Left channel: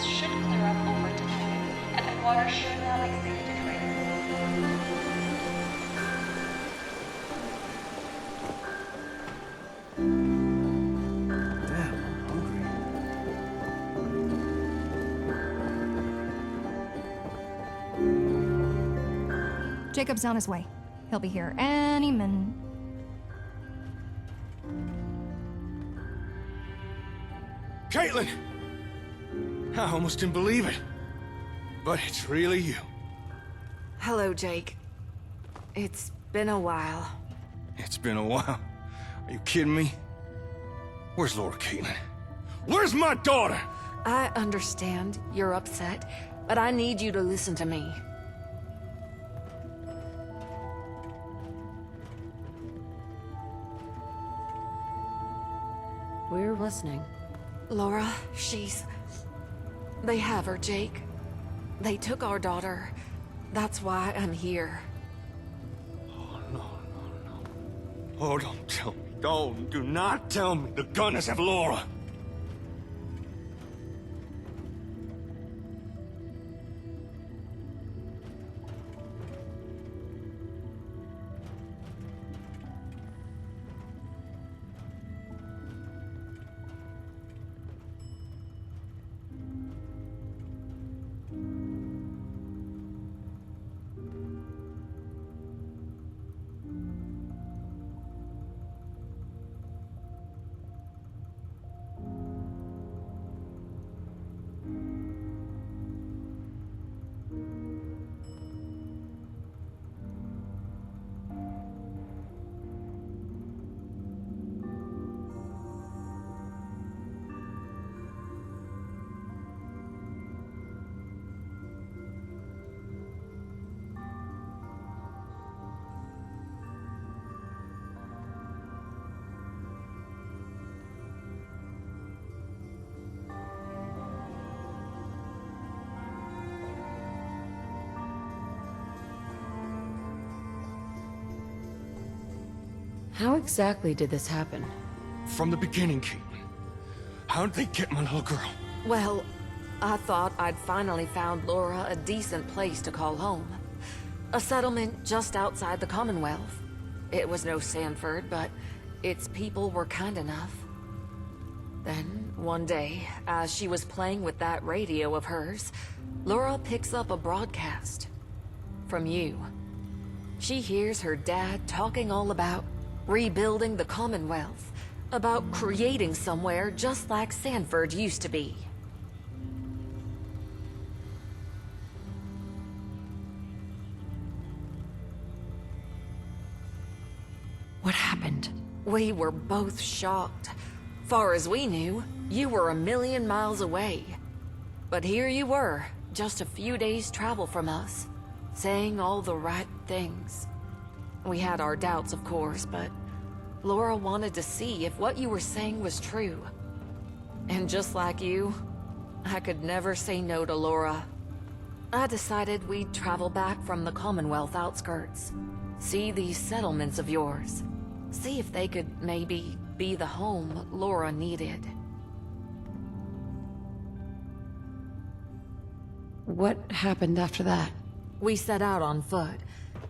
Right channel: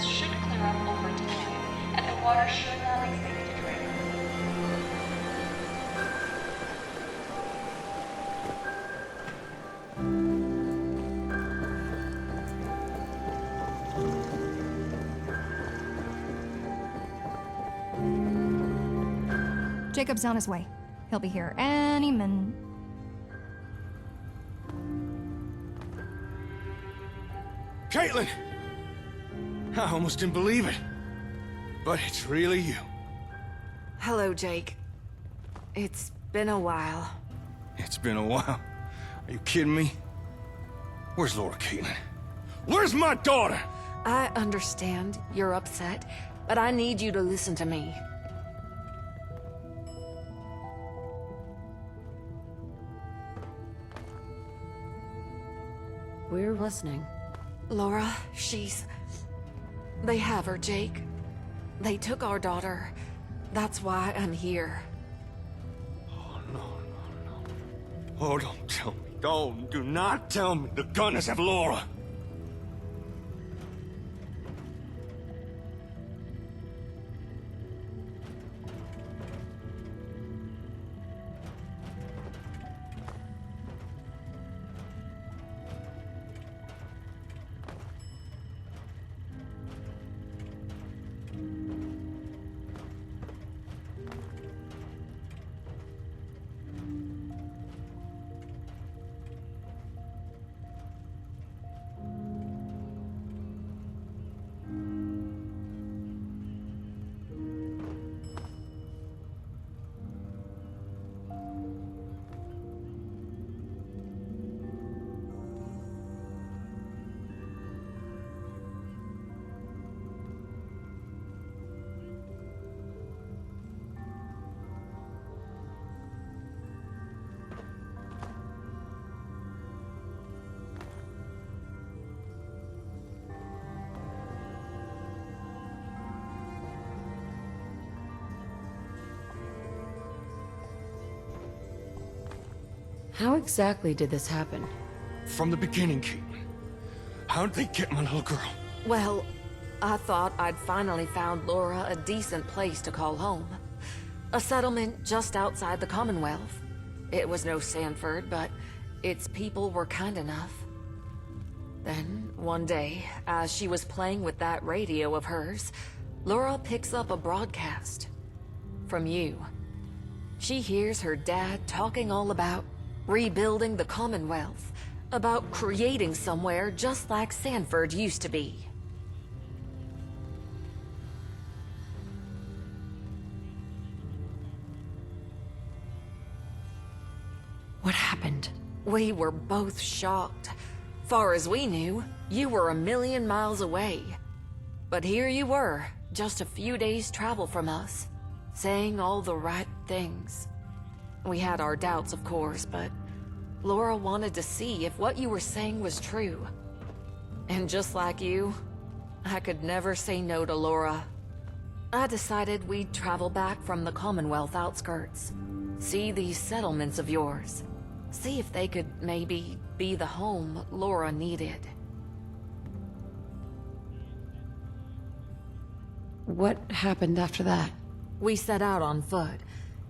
levels should clear up over time, and the water should now be safe to drink. Jacob's on his way. He'll be here any minute. Caitlin! I almost didn't believe it. But it's really you. Hello, Jake. It's been a while. It's been a while. Are you kidding me? Where's Laura, Caitlin? Where's my daughter? I understand you're upset, but I need you to listen to me. We're listening. Laura, they have her, Jake. They took our daughter. That's why I'm here. Oh, no. Oh, don't tell me. Do not tell me the gunners have Laura. How exactly did this happen? From the beginning, Caitlin. How'd they get my little girl? Well, I thought I'd finally found Laura a decent place to call home. A settlement just outside the Commonwealth. It was no Sanford, but its people were kind enough. Then, one day, as she was playing with that radio of hers, Laura picks up a broadcast. From you. She hears her dad talking all about rebuilding the Commonwealth, about creating somewhere just like Sanford used to be. What happened? We were both shocked. Far as we knew, you were a million miles away. But here you were, just a few days' travel from us, saying all the right things. We had our doubts, of course, but Laura wanted to see if what you were saying was true. And just like you, I could never say no to Laura. I decided we'd travel back from the Commonwealth outskirts, see these settlements of yours, see if they could maybe be the home Laura needed. What happened after that? We set out on foot.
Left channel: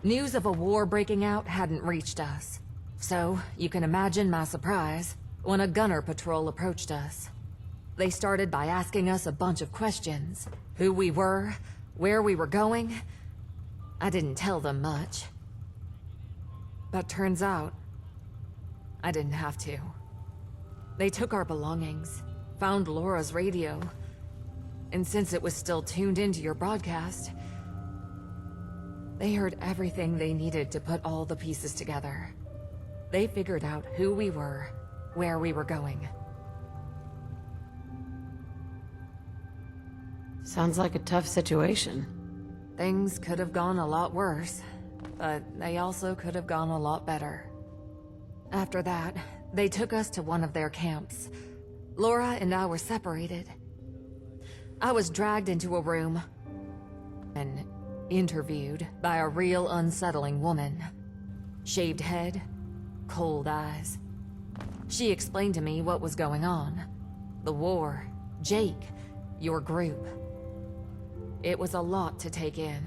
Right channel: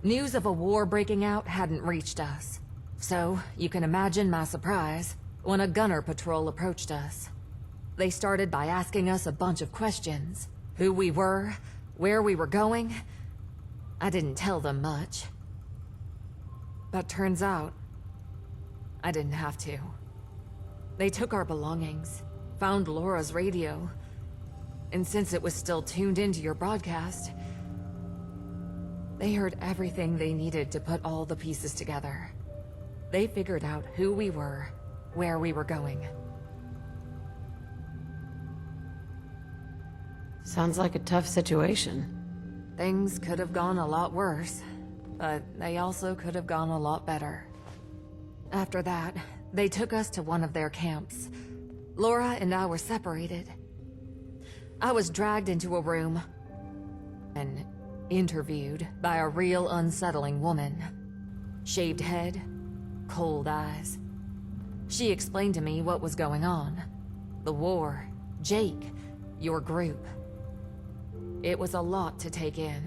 News of a war breaking out hadn't reached us. So, you can imagine my surprise when a gunner patrol approached us. They started by asking us a bunch of questions. Who we were, where we were going. I didn't tell them much. But turns out, I didn't have to. They took our belongings, found Laura's radio, and since it was still tuned into your broadcast, they heard everything they needed to put all the pieces together. They figured out who we were, where we were going. Sounds like a tough situation. Things could have gone a lot worse, but they also could have gone a lot better. After that, they took us to one of their camps. Laura and I were separated. I was dragged into a room and interviewed by a real unsettling woman. Shaved head, cold eyes. She explained to me what was going on. The war, Jake, your group. It was a lot to take in,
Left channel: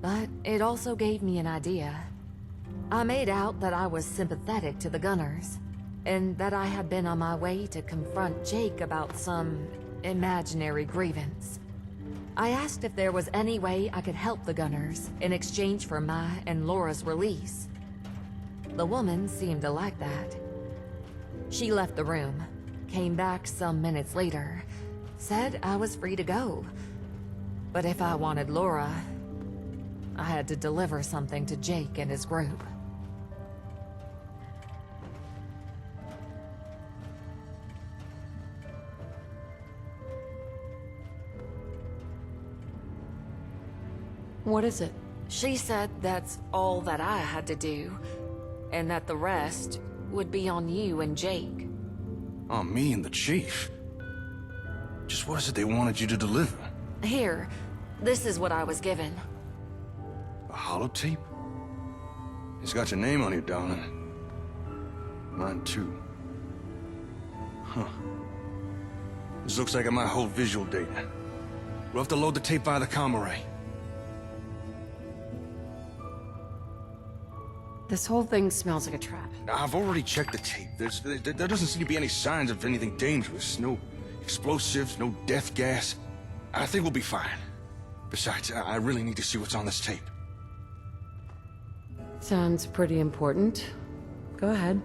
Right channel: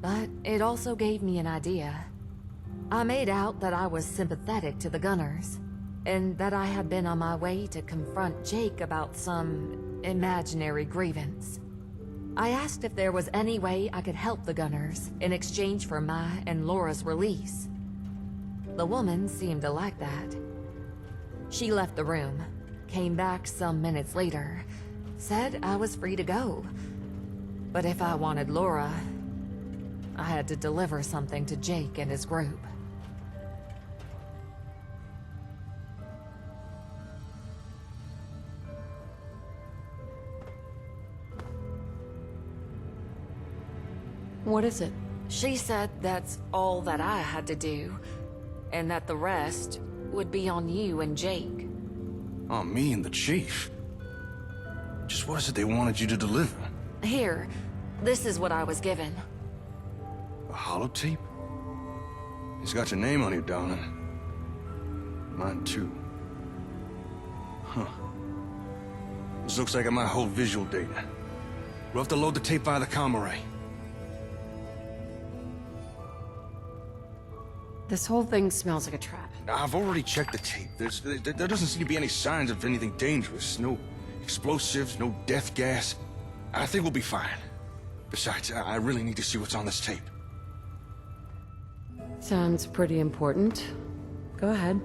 but it also gave me an idea. I made out that I was sympathetic to the Gunners, and that I had been on my way to confront Jake about some imaginary grievance. I asked if there was any way I could help the Gunners in exchange for my and Laura's release. The woman seemed to like that. She left the room, came back some minutes later, said I was free to go. But if I wanted Laura, I had to deliver something to Jake and his group. What is it? She said that's all that I had to do, and that the rest would be on you and Jake. On me and the chief. Just what is it they wanted you to deliver? Here, this is what I was given. A holotape? It's got your name on it, darling. Mine too. Huh. This looks like it might hold visual data. We'll have to load the tape via the comm array. This whole thing smells like a trap. I've already checked the tape. There doesn't seem to be any signs of anything dangerous. No explosives, no death gas. I think we'll be fine. Besides, I really need to see what's on this tape. Sounds pretty important. Go ahead.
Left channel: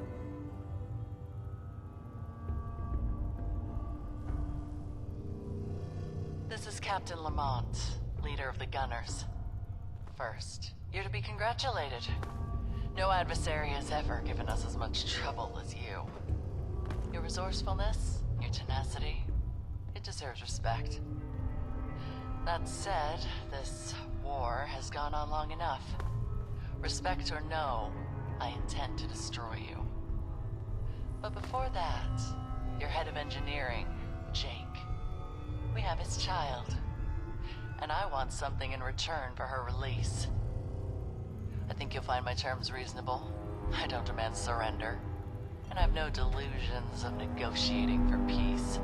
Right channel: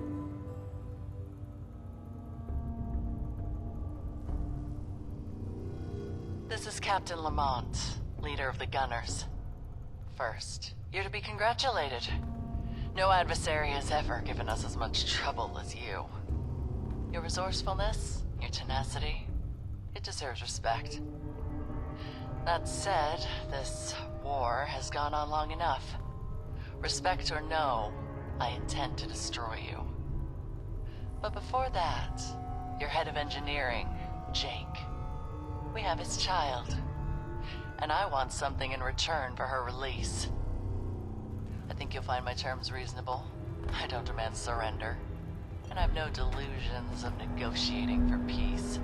This is Captain Lamont, leader of the Gunners. First, you're to be congratulated. No adversary has ever given us as much trouble as you. Your resourcefulness, your tenacity, it deserves respect. That said, this war has gone on long enough. Respect or no, I intend to destroy you. But before that, your head of engineering, Jake. We have his child, and I want something in return for her release. I think you'll find my terms reasonable. I don't demand surrender, and I have no delusions of negotiating for peace.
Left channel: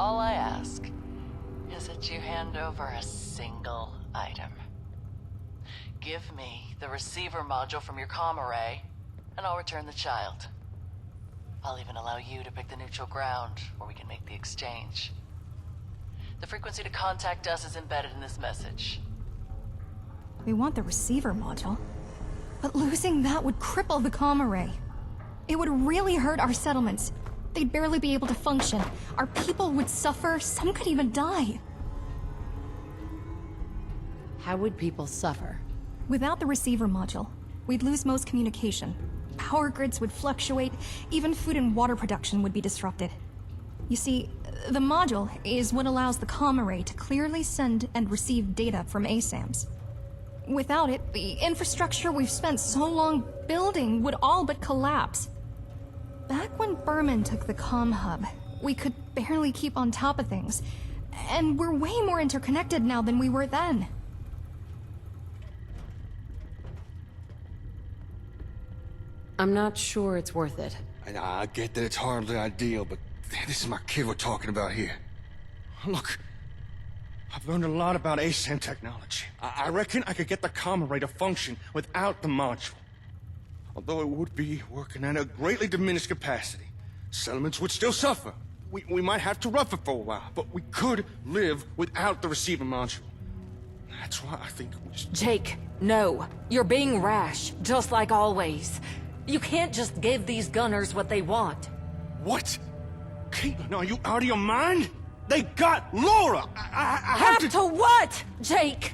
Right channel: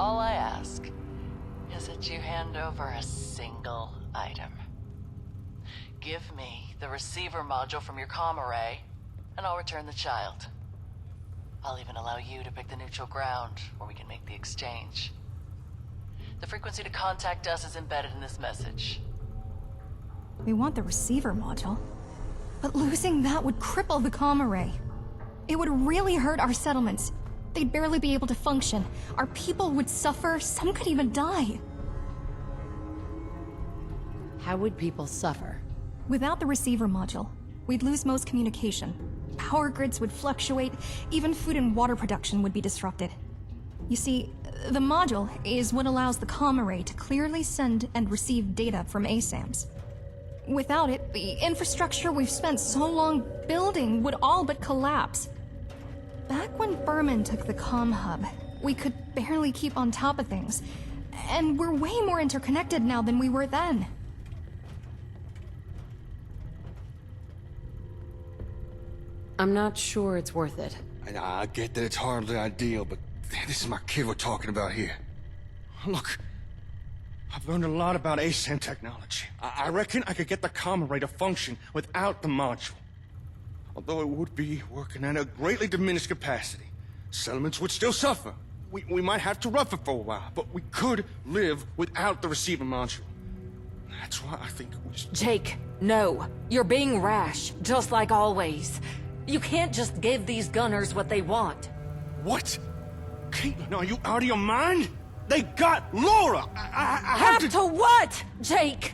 All I ask is that you hand over a single item. Give me the receiver module from your comm array, and I'll return the child. I'll even allow you to pick the neutral ground where we can make the exchange. The frequency to contact us is embedded in this message. We want the receiver module. But losing that would cripple the comm array. It would really hurt our settlements. They'd barely be able to function. Our people would suffer. Some could even die. How would people suffer? Without the receiver module, we'd lose most communication. Power grids would fluctuate. Even food and water production would be disrupted. You see, the module is what allows the comm array to clearly send and receive data from ASAMs. Without it, the infrastructure we've spent so long building would all but collapse. Back when Berman took the comm hub, we could barely keep on top of things. And we're way more interconnected now than we were then. I'm not sure it's worth it. I get that it's hardly ideal, but this is my kid we're talking about here. Look, I've learned a lot about ASAM technology. I reckon I could get the comm array to function without the module. Although it would be working at a greatly diminished capacity. Settlements would still suffer. We might have to rough it for a while, but we could live without the receiver module. That's why I think we should... Jake, no. You're being rash, just like always. You can't just give these Gunners what they want. What? Caitlin, are you out of your mind? They got Laura! I have to... To what, Jake?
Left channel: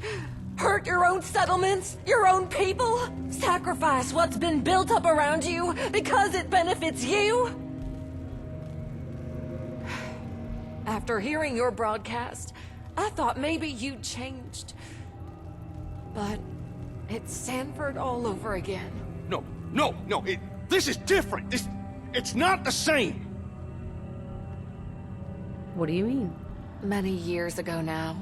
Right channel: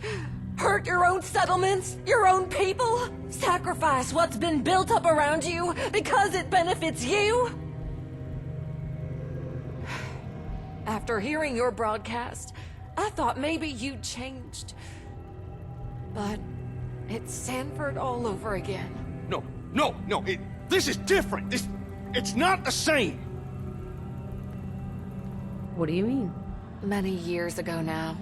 Hurt your own settlements? Your own people? Sacrifice what's been built up around you because it benefits you? After hearing your broadcast, I thought maybe you'd changed. But it's Sanford all over again. No, this is different. It's not the same. What do you mean? Many years ago now,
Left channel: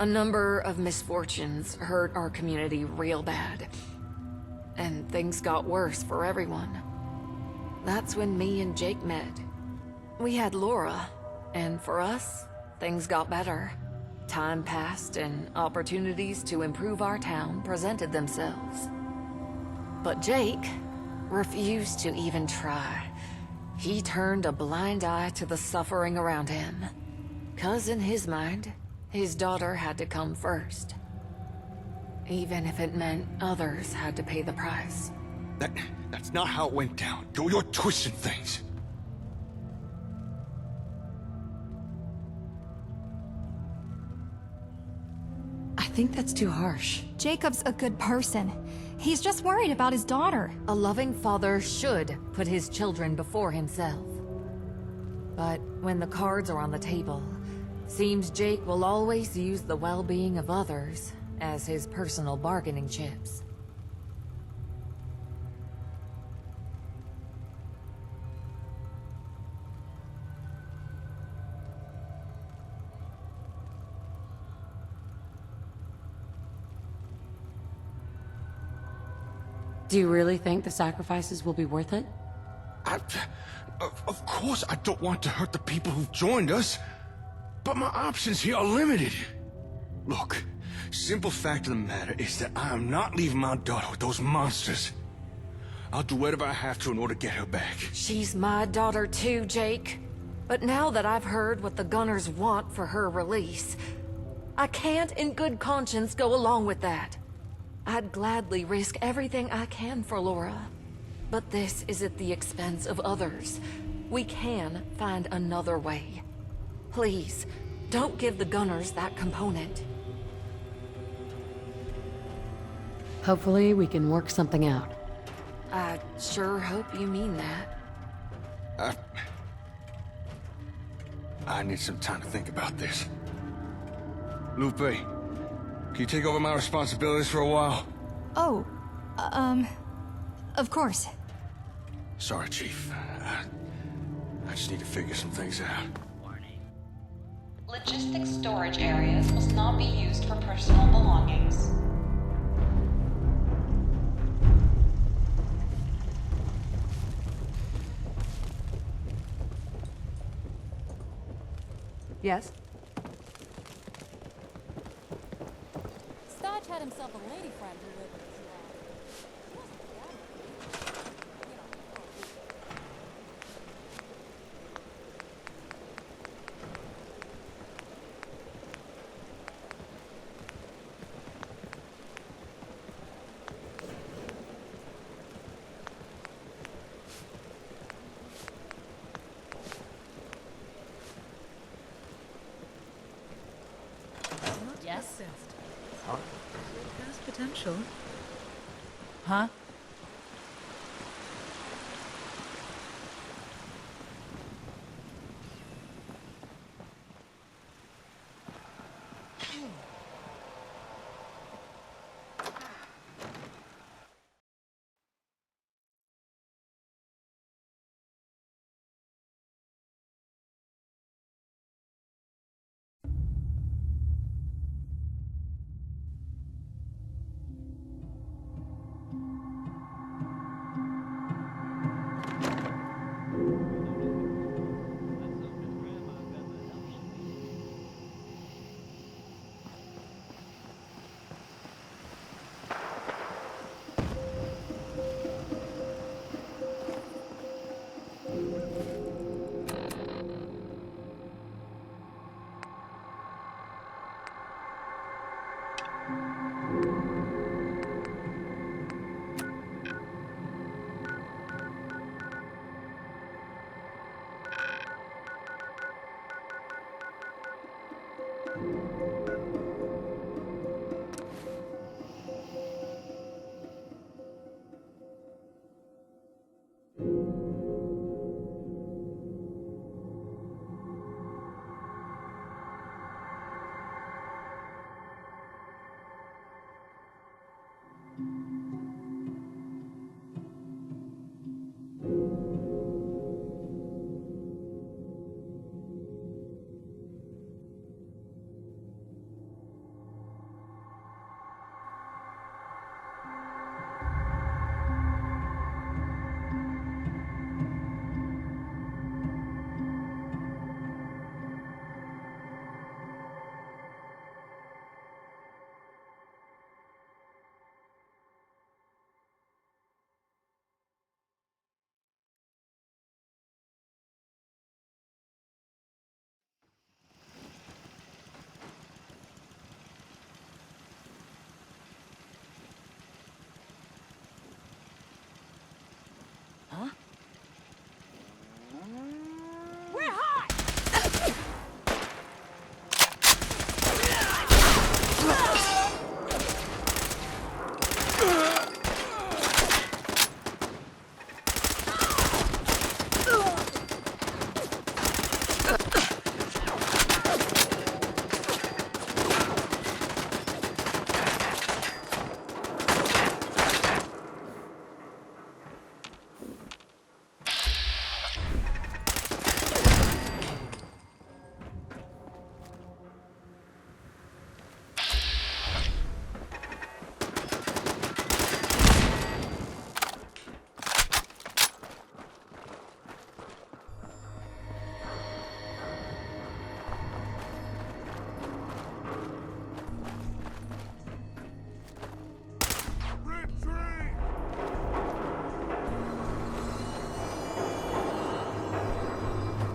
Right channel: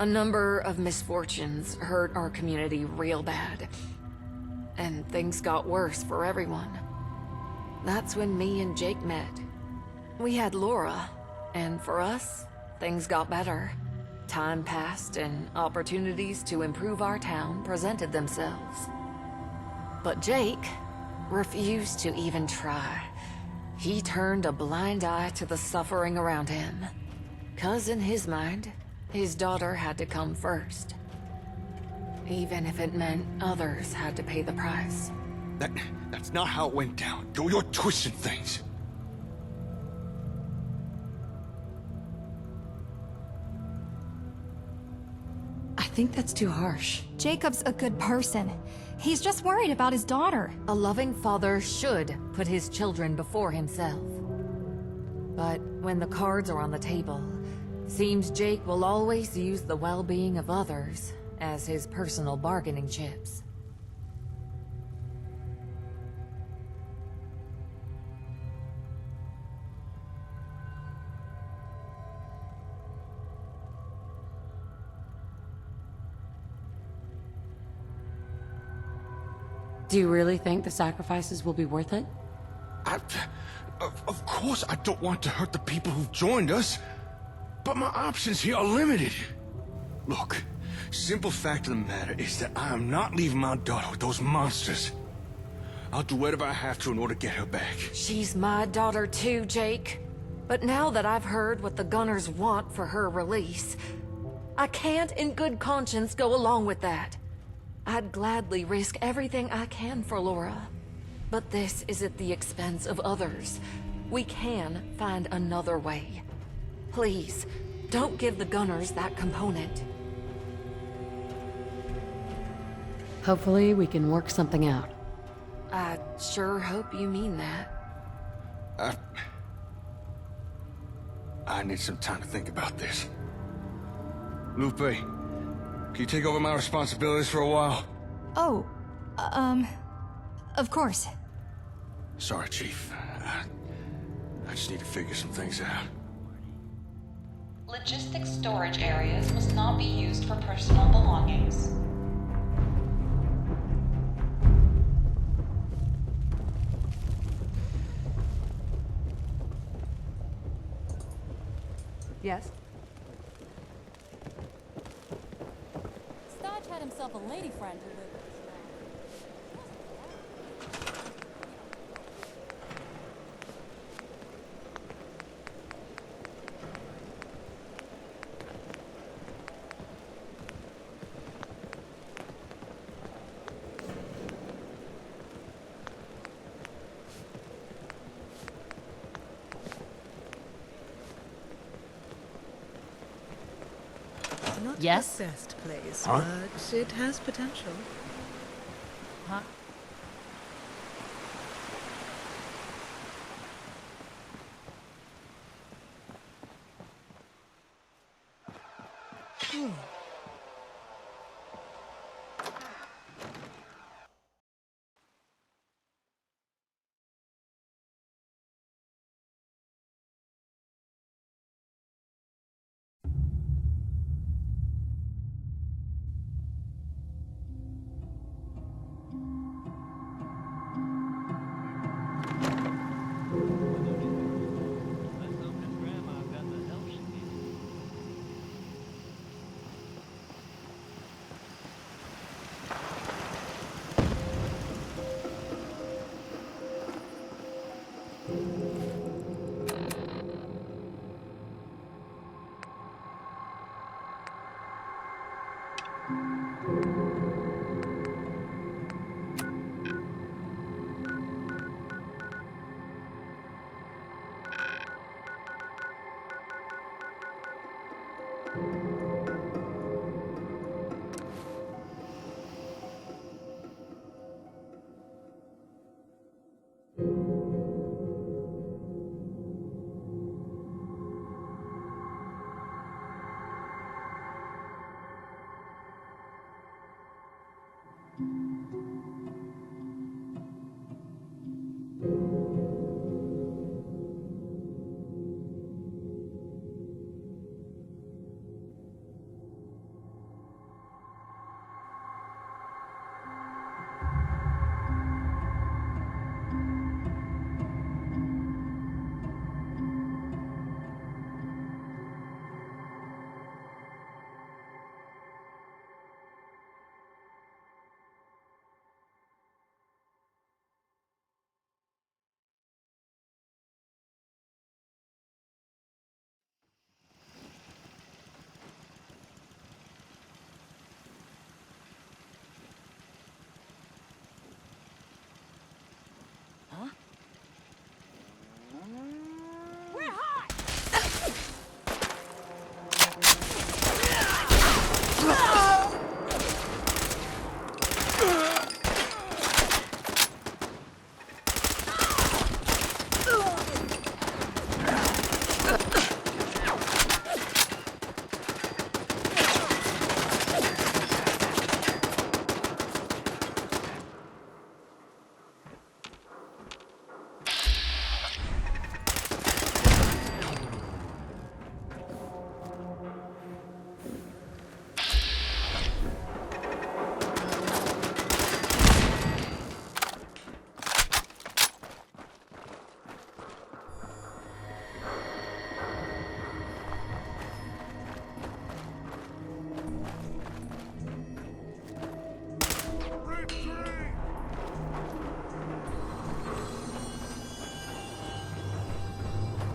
a number of misfortunes hurt our community real bad. And things got worse for everyone. That's when me and Jake met. We had Laura, and for us, things got better. Time passed and opportunities to improve our town presented themselves. But Jake refused to even try. He turned a blind eye to the suffering around him. 'Cause in his mind, his daughter had to come first. Even if it meant others had to pay the price. That's not how it went down. You're twisting things. I think that's too harsh. Jacob's a good person. He's just worried about his daughter. A loving father should put his children before himself. But when the cards are on the table, seems Jake will always use the well-being of others as his personal bargaining chips. Do you really think the sacrifices will be worth it? Of course I don't want to hurt the people who've joined us, but my options here are limited. Look, simple fact of the matter is that I am not leaving my daughter with those monsters. I'll do whatever I have to in order to get her back. She's my daughter too, Jake. But now that I've heard what the Gunners want for her release, I can't in good conscience go along with that. I'd gladly risk everything I can for Laura. But this is at the expense of others. We can find another way. Please, don't give the Gunners that component. Hopefully we can work something out. I sure hope you mean that. I need some time to think about this. Lupe, can you take over my responsibilities for a while? Oh, of course. Sorry, Chief. I just need to figure some things out. Logistics storage areas must not be used for personal belongings. Yes? Stodge had himself a lady friend who lived in Shroud. Not Yes? the best place, Huh? but it has potential. Huh?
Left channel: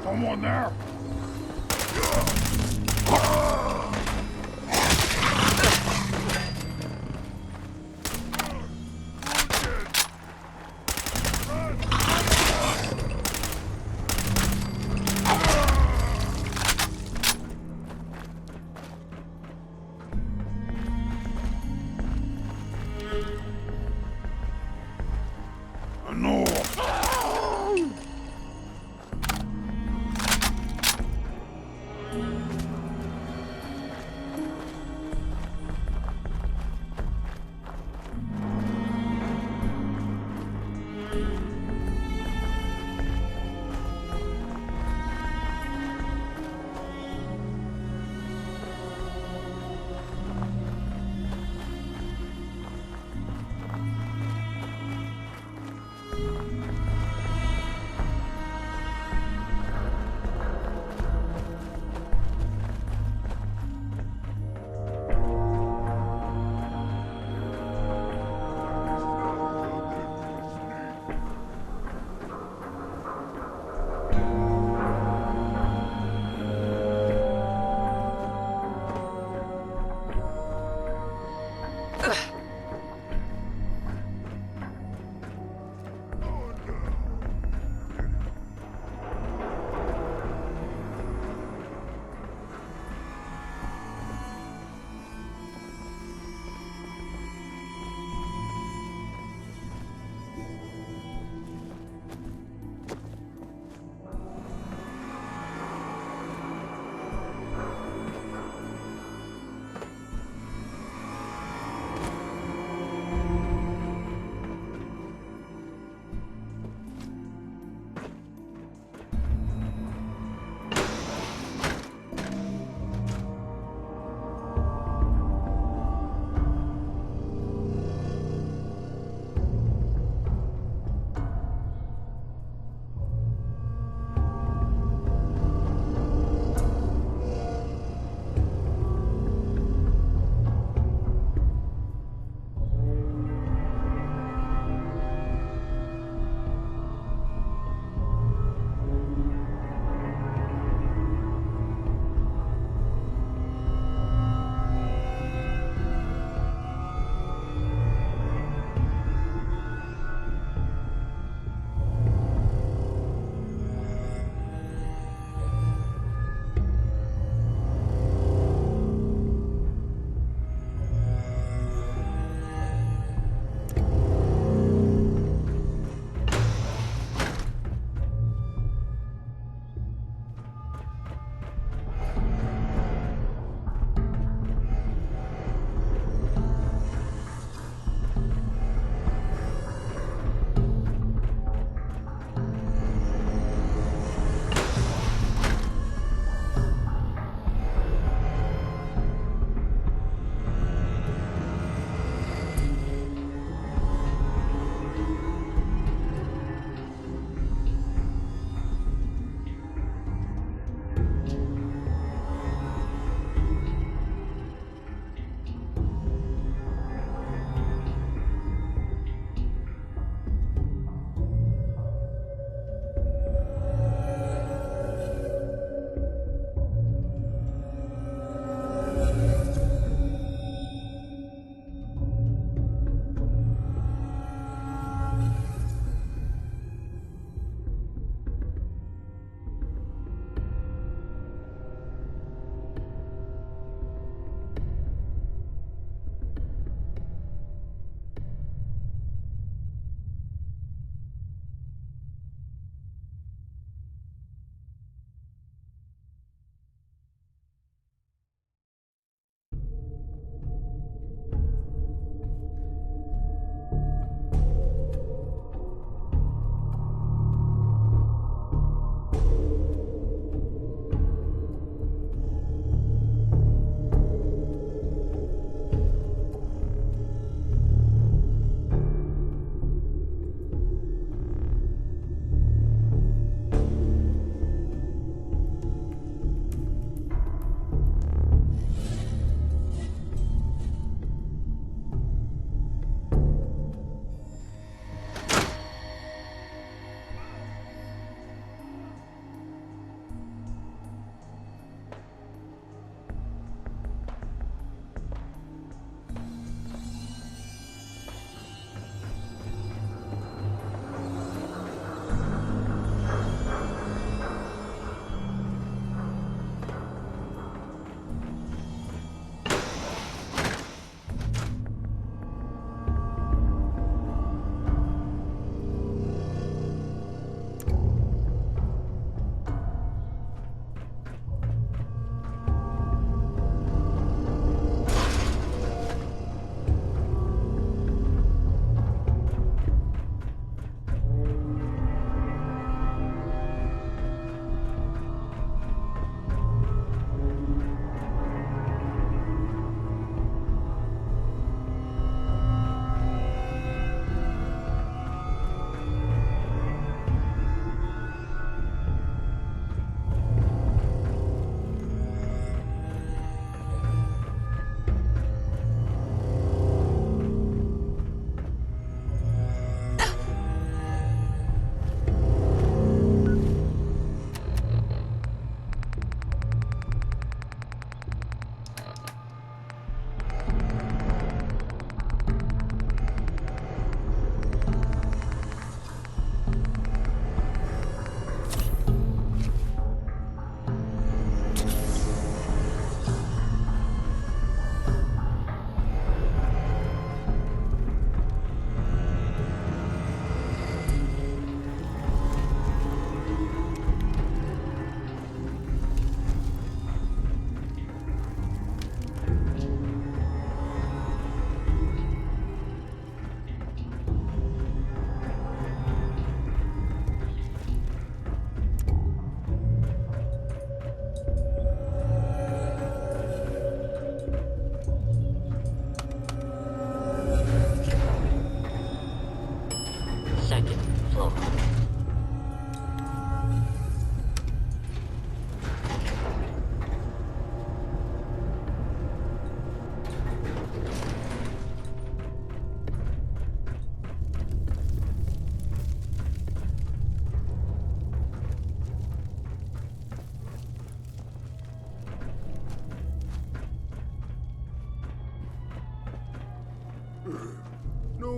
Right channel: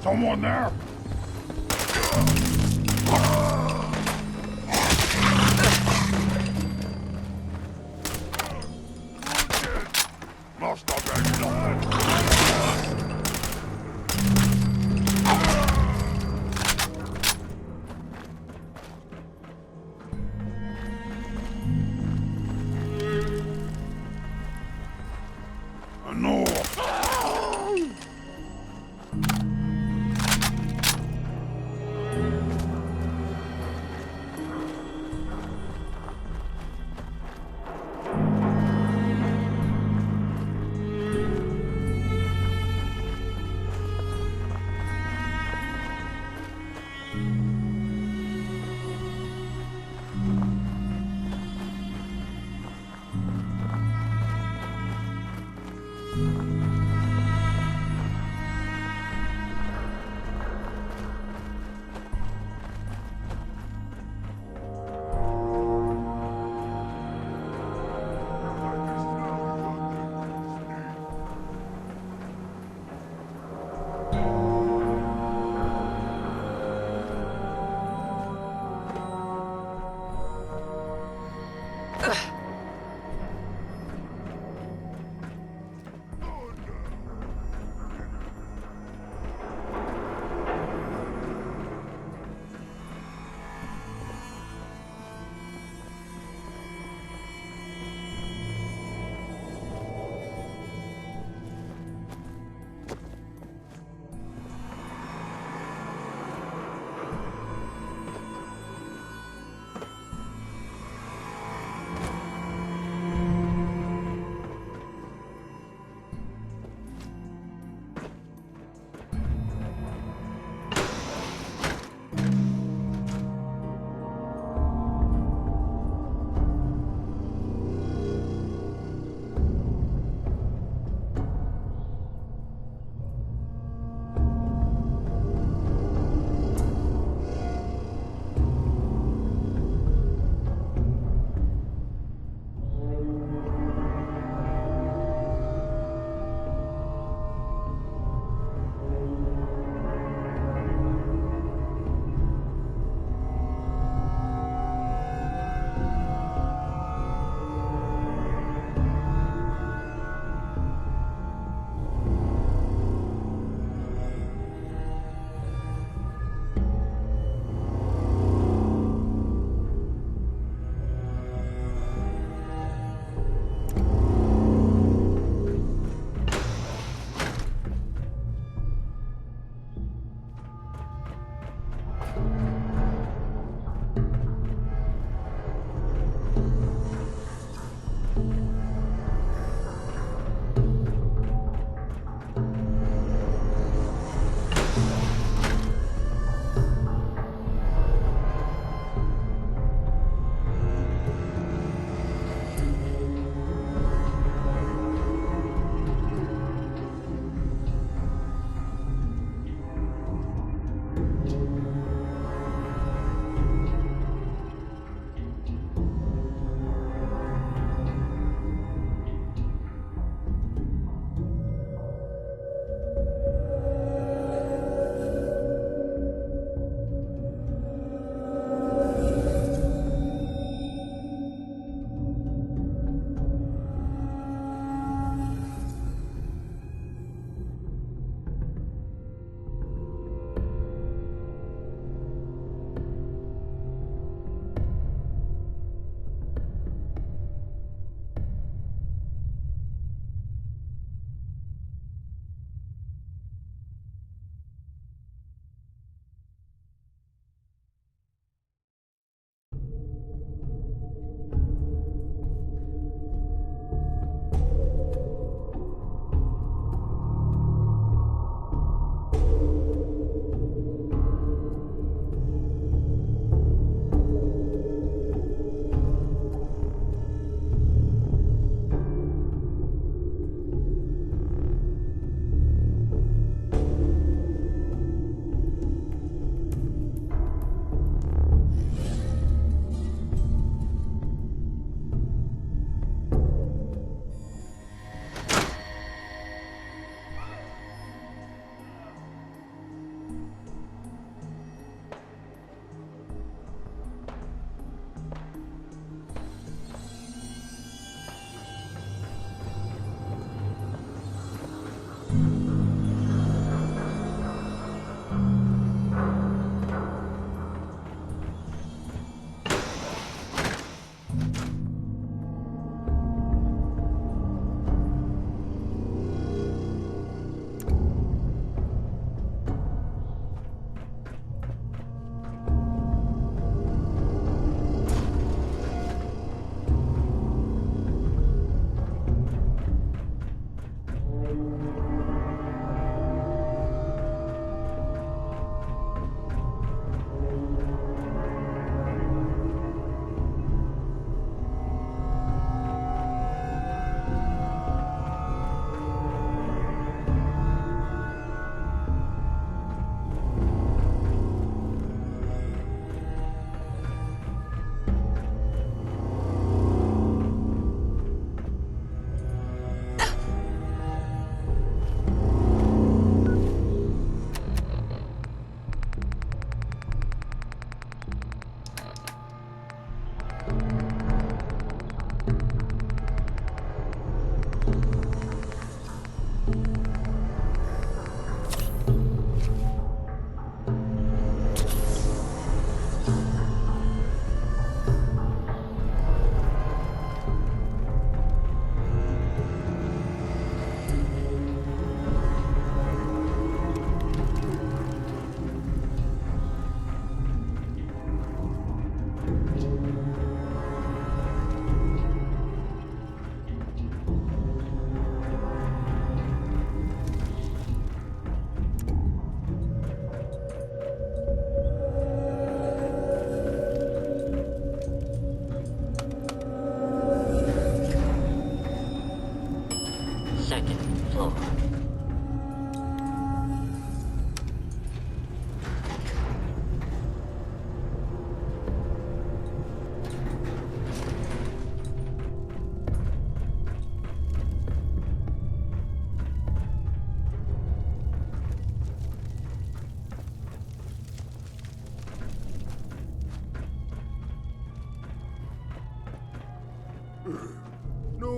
Someone there? Nora!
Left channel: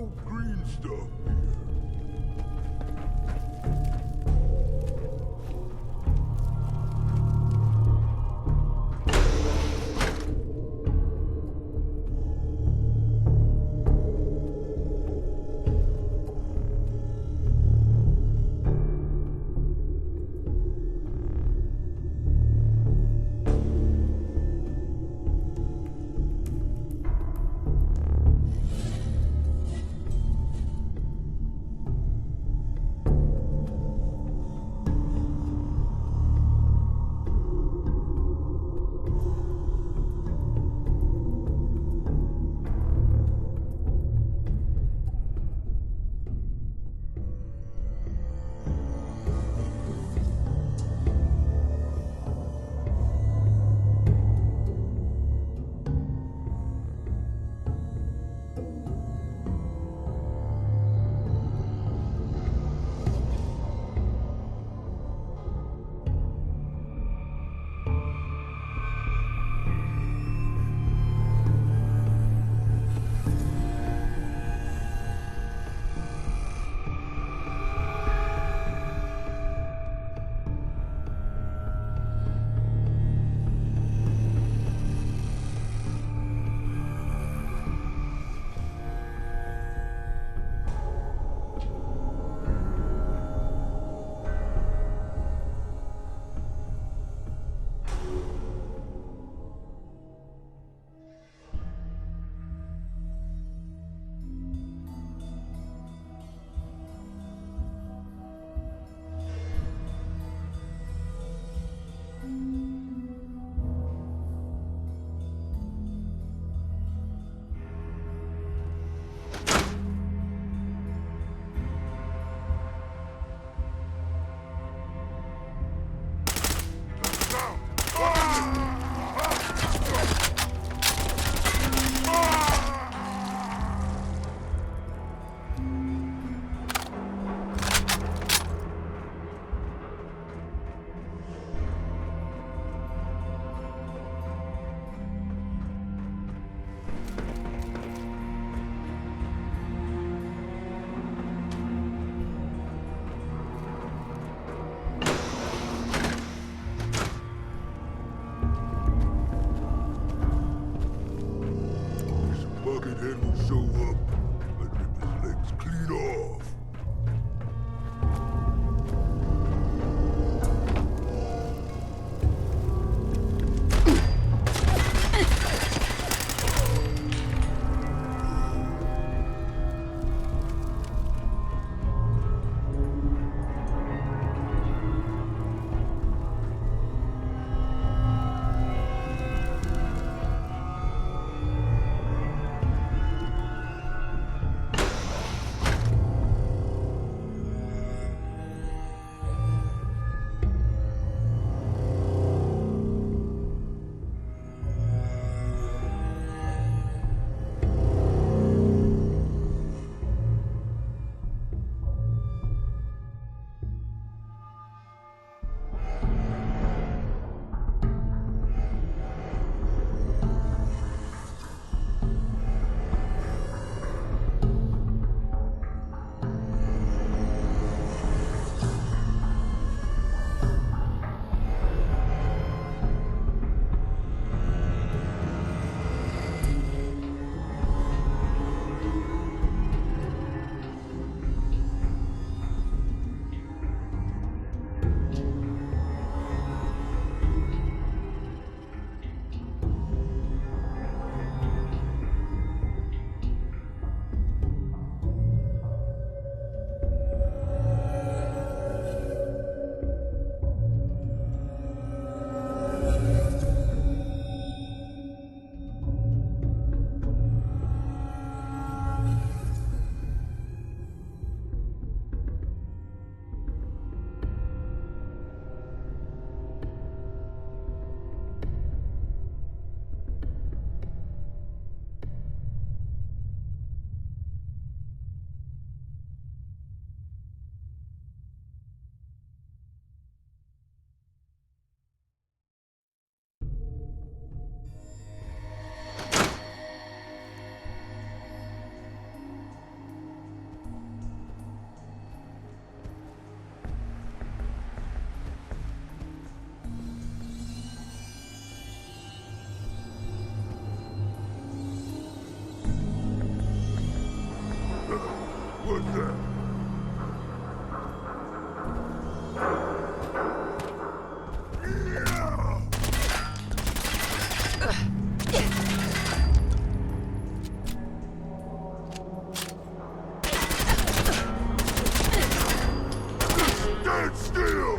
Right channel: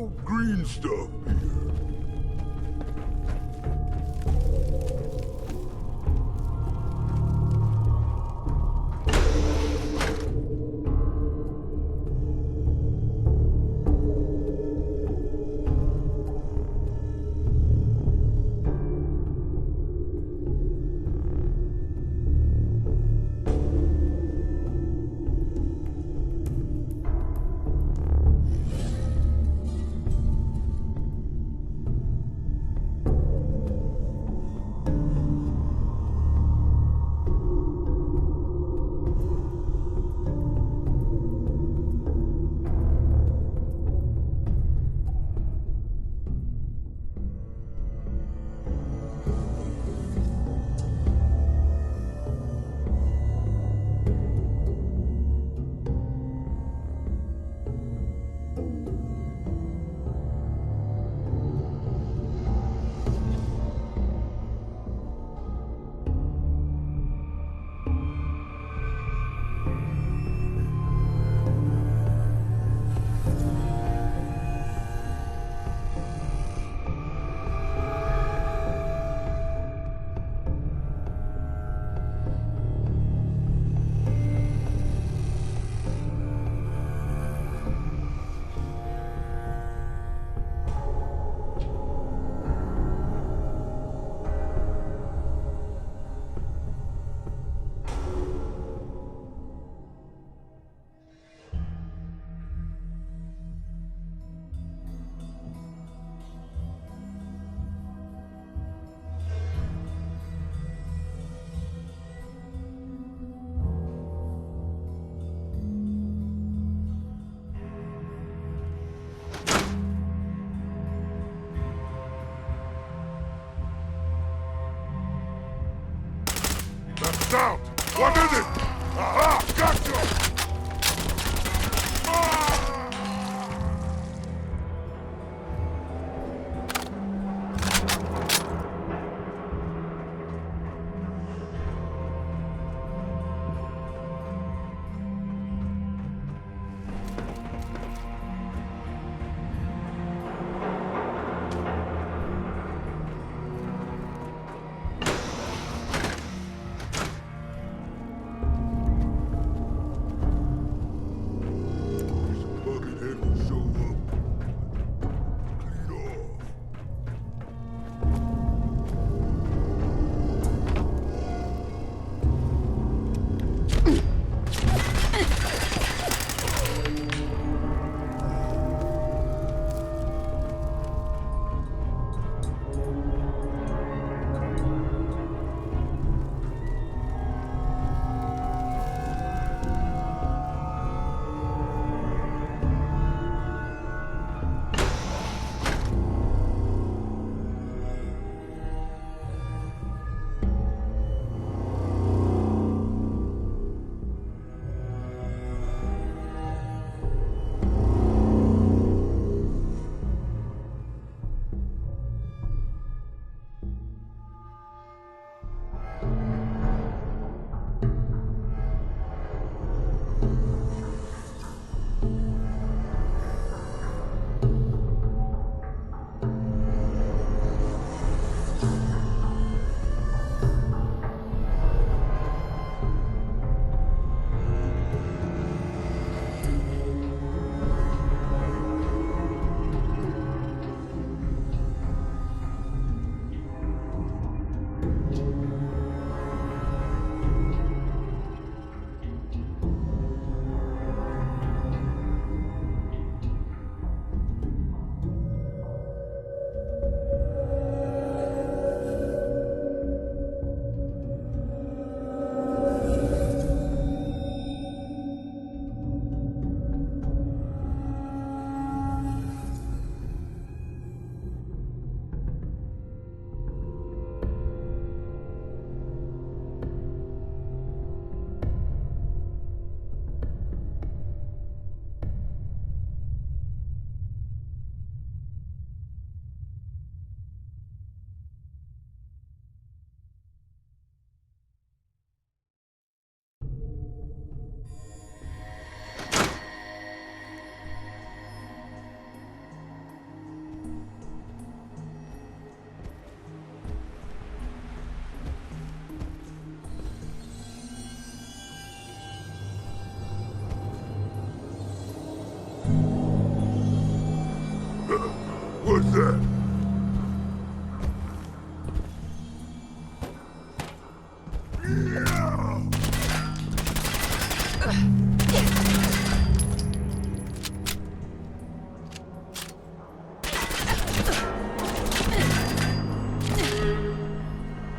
no green stuff here. Down! What is it? Aha! Gotcha! with that? Stand still!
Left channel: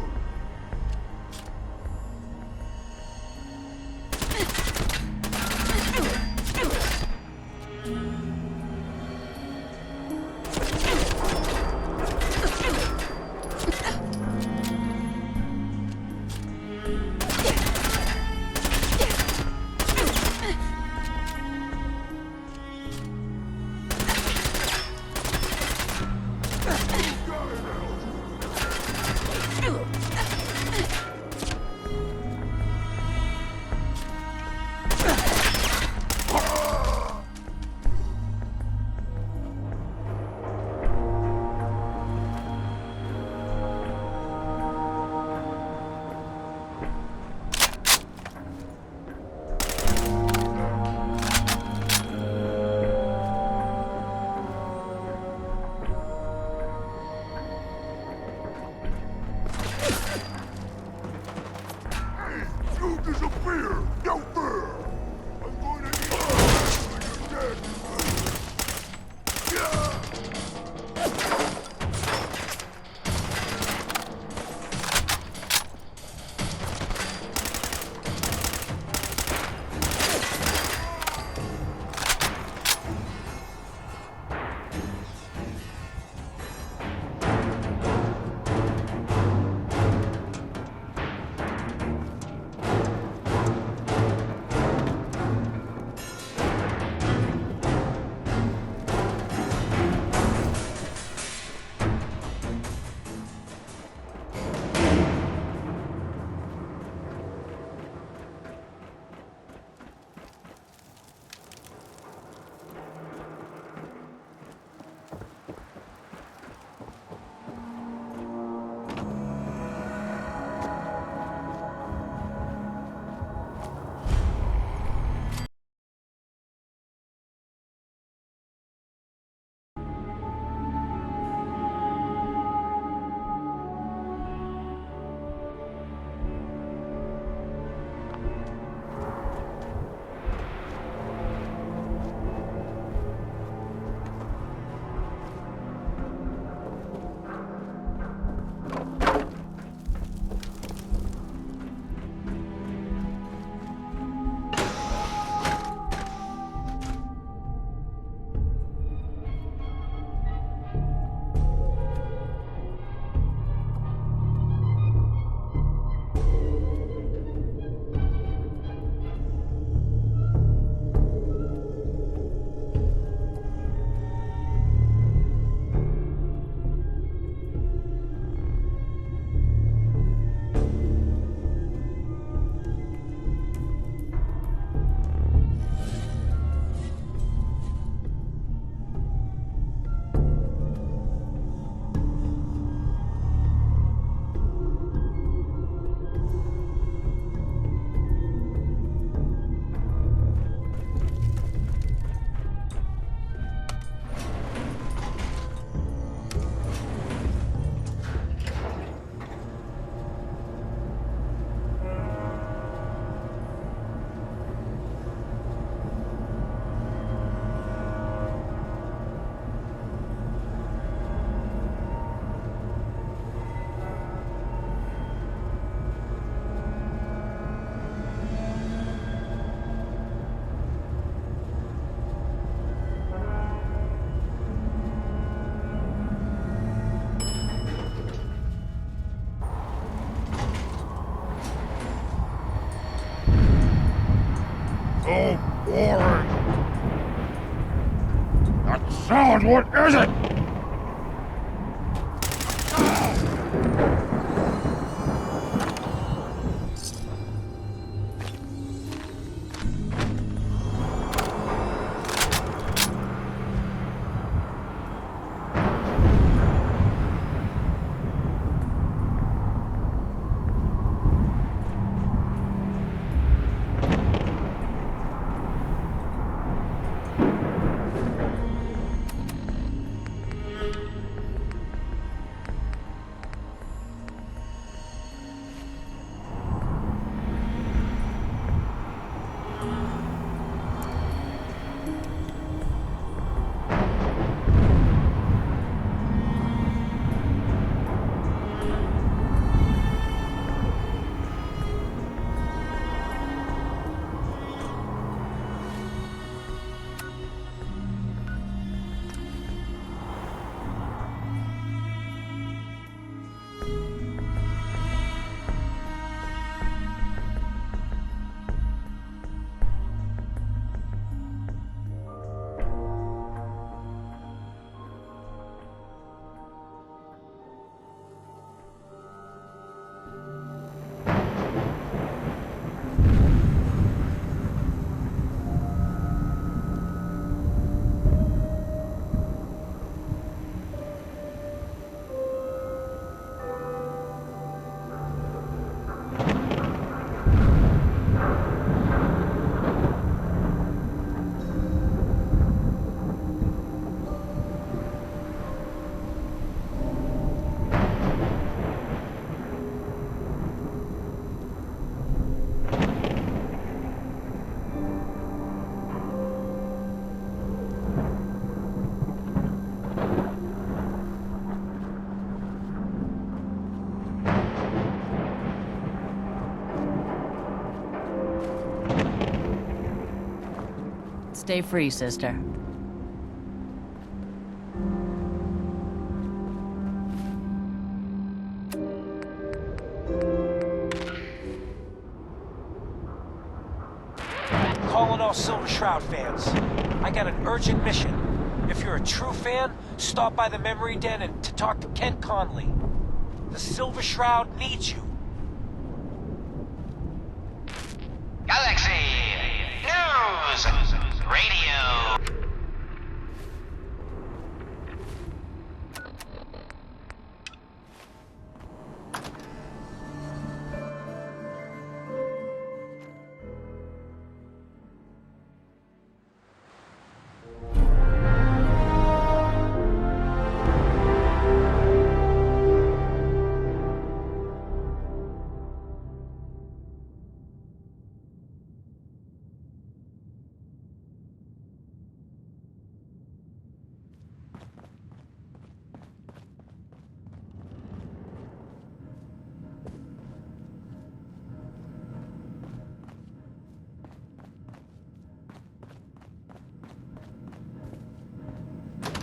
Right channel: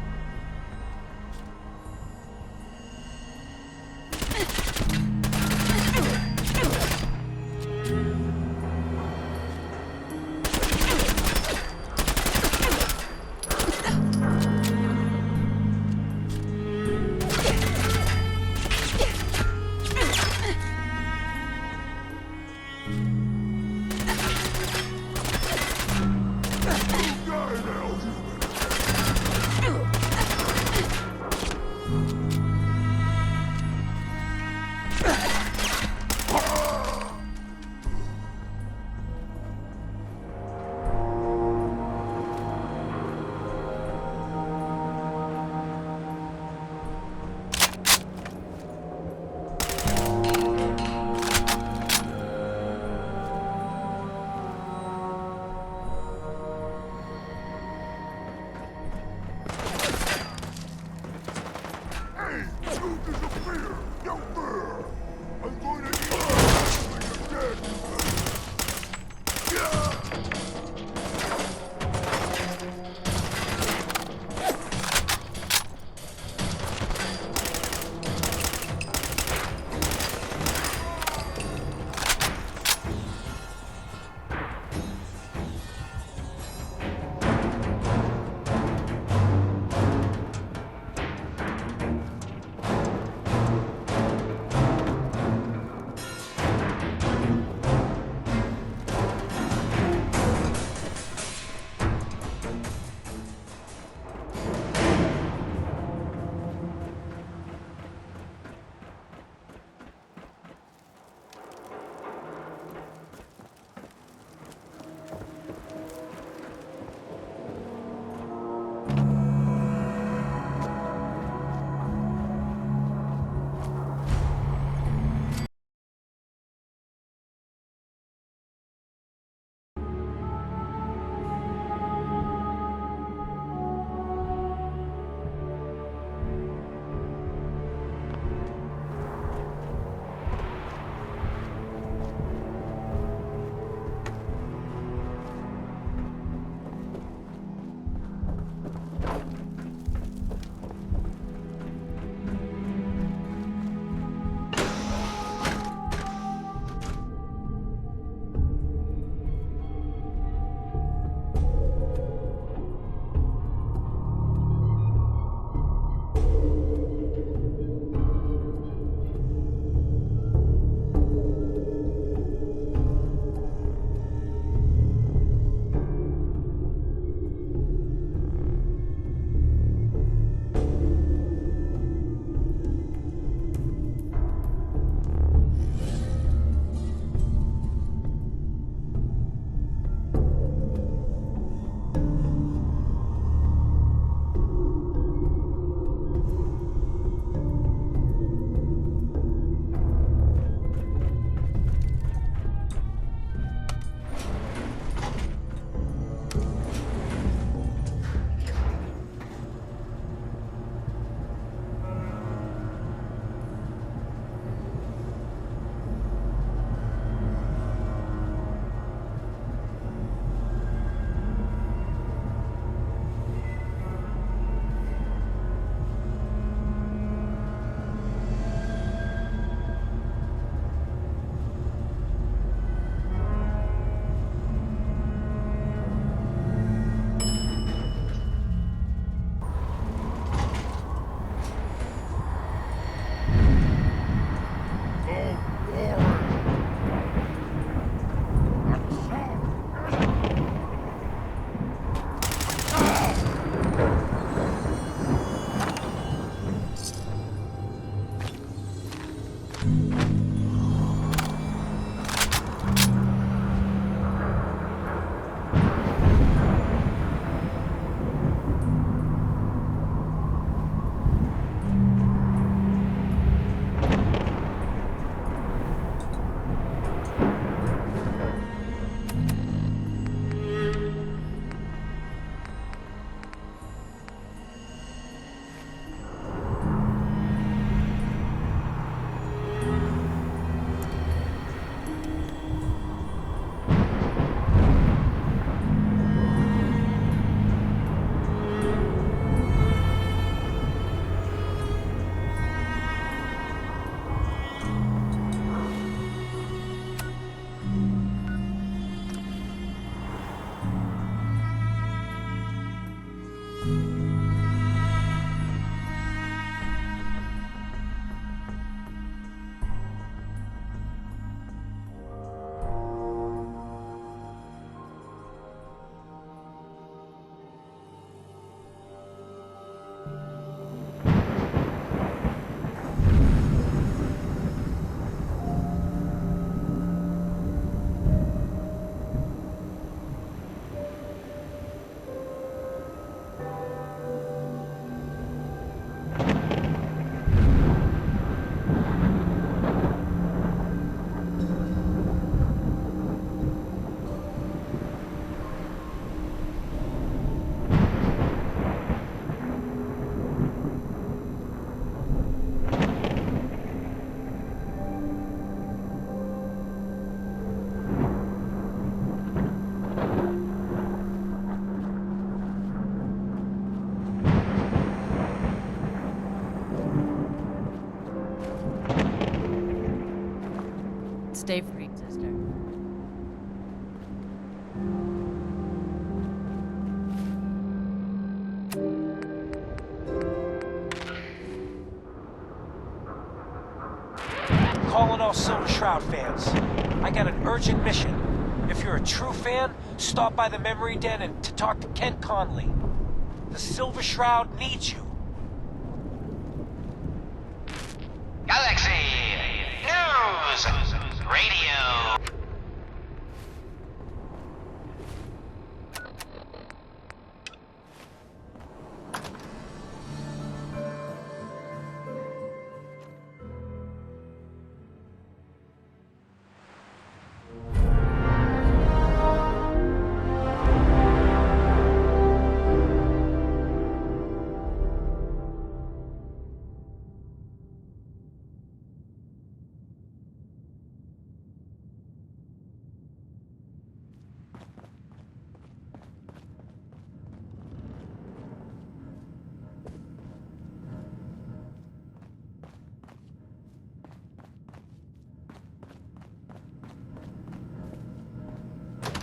You disappear! Out there! I'm going to eat you when you're dead! Yeah! So boring. That sound, what is it? Stay free, sister. Calling all Silver Shroud fans. I got an urgent mission. If you're a true fan, stop by the Memory Den and to talk to Kent Conley. The Silver Shroud needs you. Galaxy News Radio.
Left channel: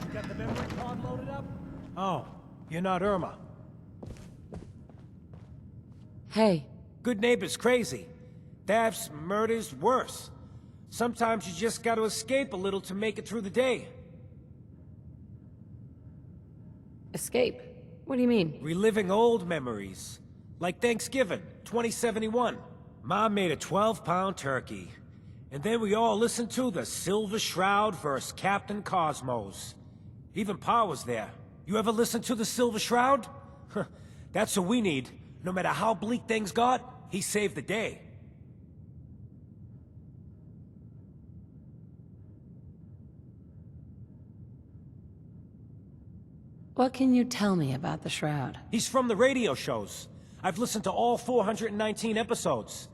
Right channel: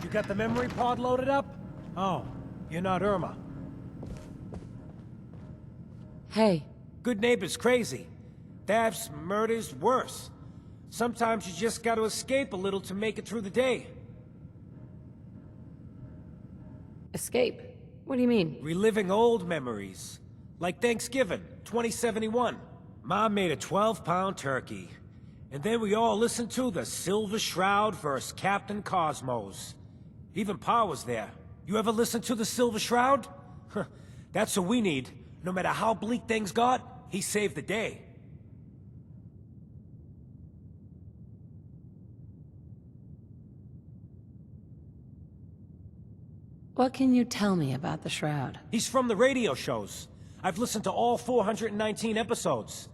You got the memory pod loaded up? Oh, you're not Irma. Hey. Good neighbor's crazy. Thefts, murders, worse. Sometimes you just gotta escape a little to make it through the day. Escape? What do you mean? Reliving old memories. Like Thanksgiving, 2071. Mom made a 12-pound turkey. And then we all listened to the Silver Shroud vs. Captain Cosmos. Even Pa was there. You ever listen to the Silver Shroud? That's what we need. No matter how bleak things got, he saved the day. What can you tell me about the Shroud? He's from the radio shows. I've listened to all 419 episodes.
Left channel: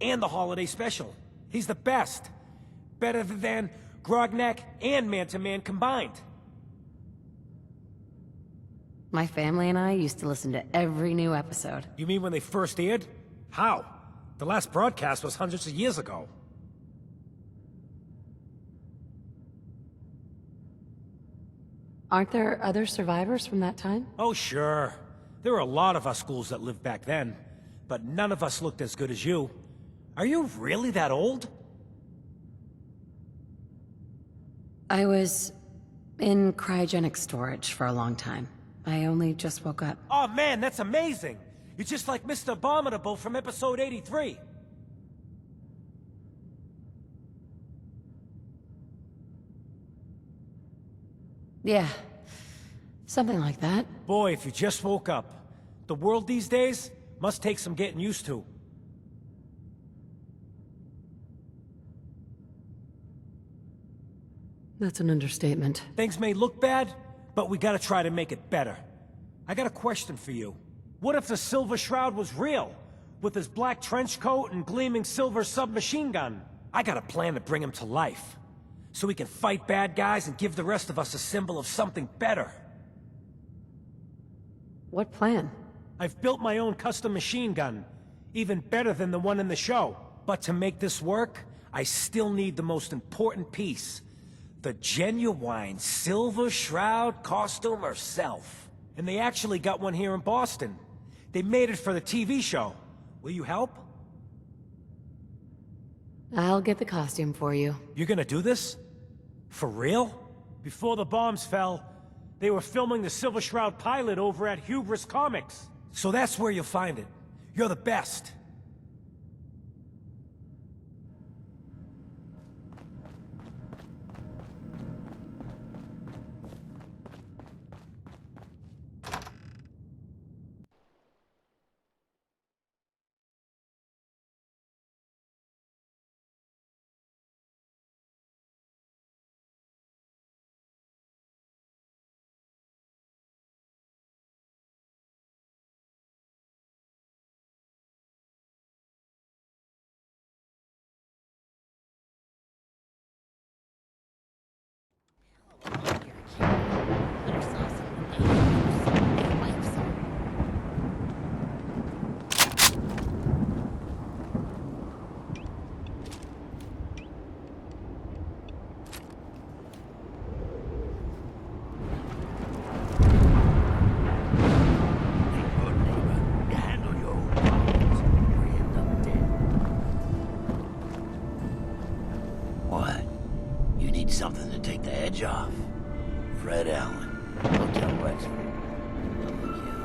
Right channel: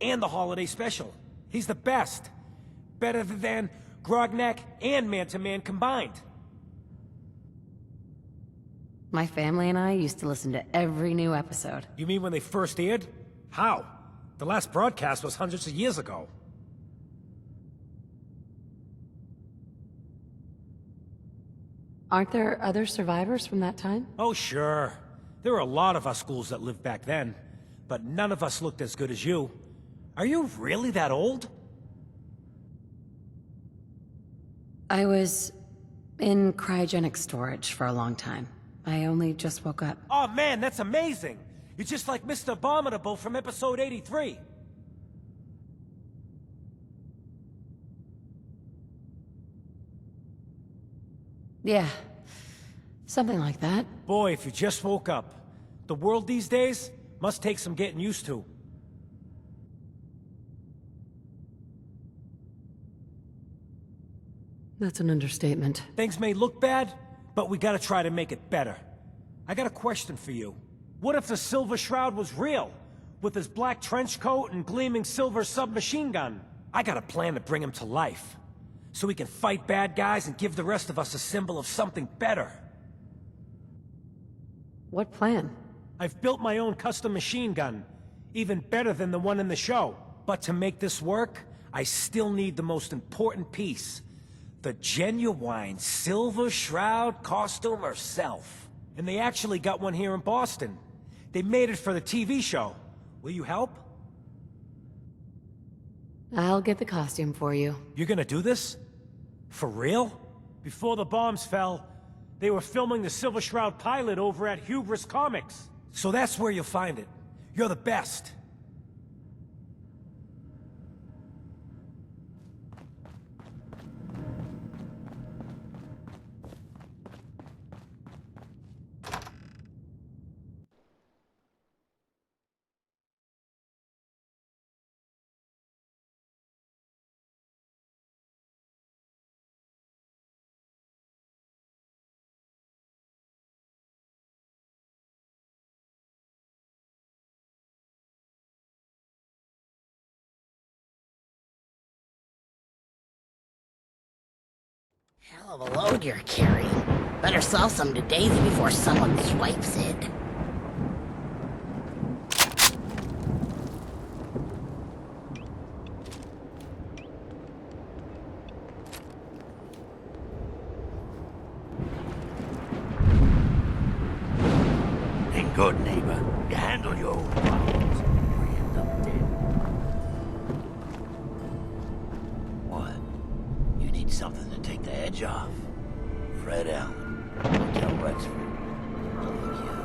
And the holiday special. He's the best. Better than Grognak and Man-to-Man combined. My family and I used to listen to every new episode. You mean when they first aired? How? The last broadcast was hundreds of years ago. Aren't there other survivors from that time? Oh, sure. There were a lot of us schools that lived back then. But none of us looked as good as you. Are you really that old? I was in cryogenic storage for a long time. I only just woke up. Oh man, that's amazing! You're just like Mr. Abominable from episode 83. Yeah, something like that. Boy, if you just woke up. The world these days must take some getting used to. That's an understatement. Things may look bad, but we gotta try to make it better. I got a question for you. What if the Silver Shroud was real? With his black trench coat and gleaming silver submachine gun? I got a plan to bring him to life. So we can fight bad guys and give the rest of us a symbol of something better. What plan? I've built my own custom machine gun. Even better than the one in the show. But to make this work, I still need the most important piece. The genuine Silver Shroud costume herself. And they actually got one here in Boston. They made it for the TV show. Will you help? I'll get the costume for you. You're gonna do this? For real? Before the bombs fell, they were filming the Silver Shroud pilot over at Hubris Comics. So that's where you'll find it. You're the best. Hell of a load you're carrying. Better sell some to Daisy before someone swipes it. Edge off. Fred Allen, Hotel Wexford. Lovely kid.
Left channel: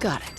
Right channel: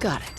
Got it.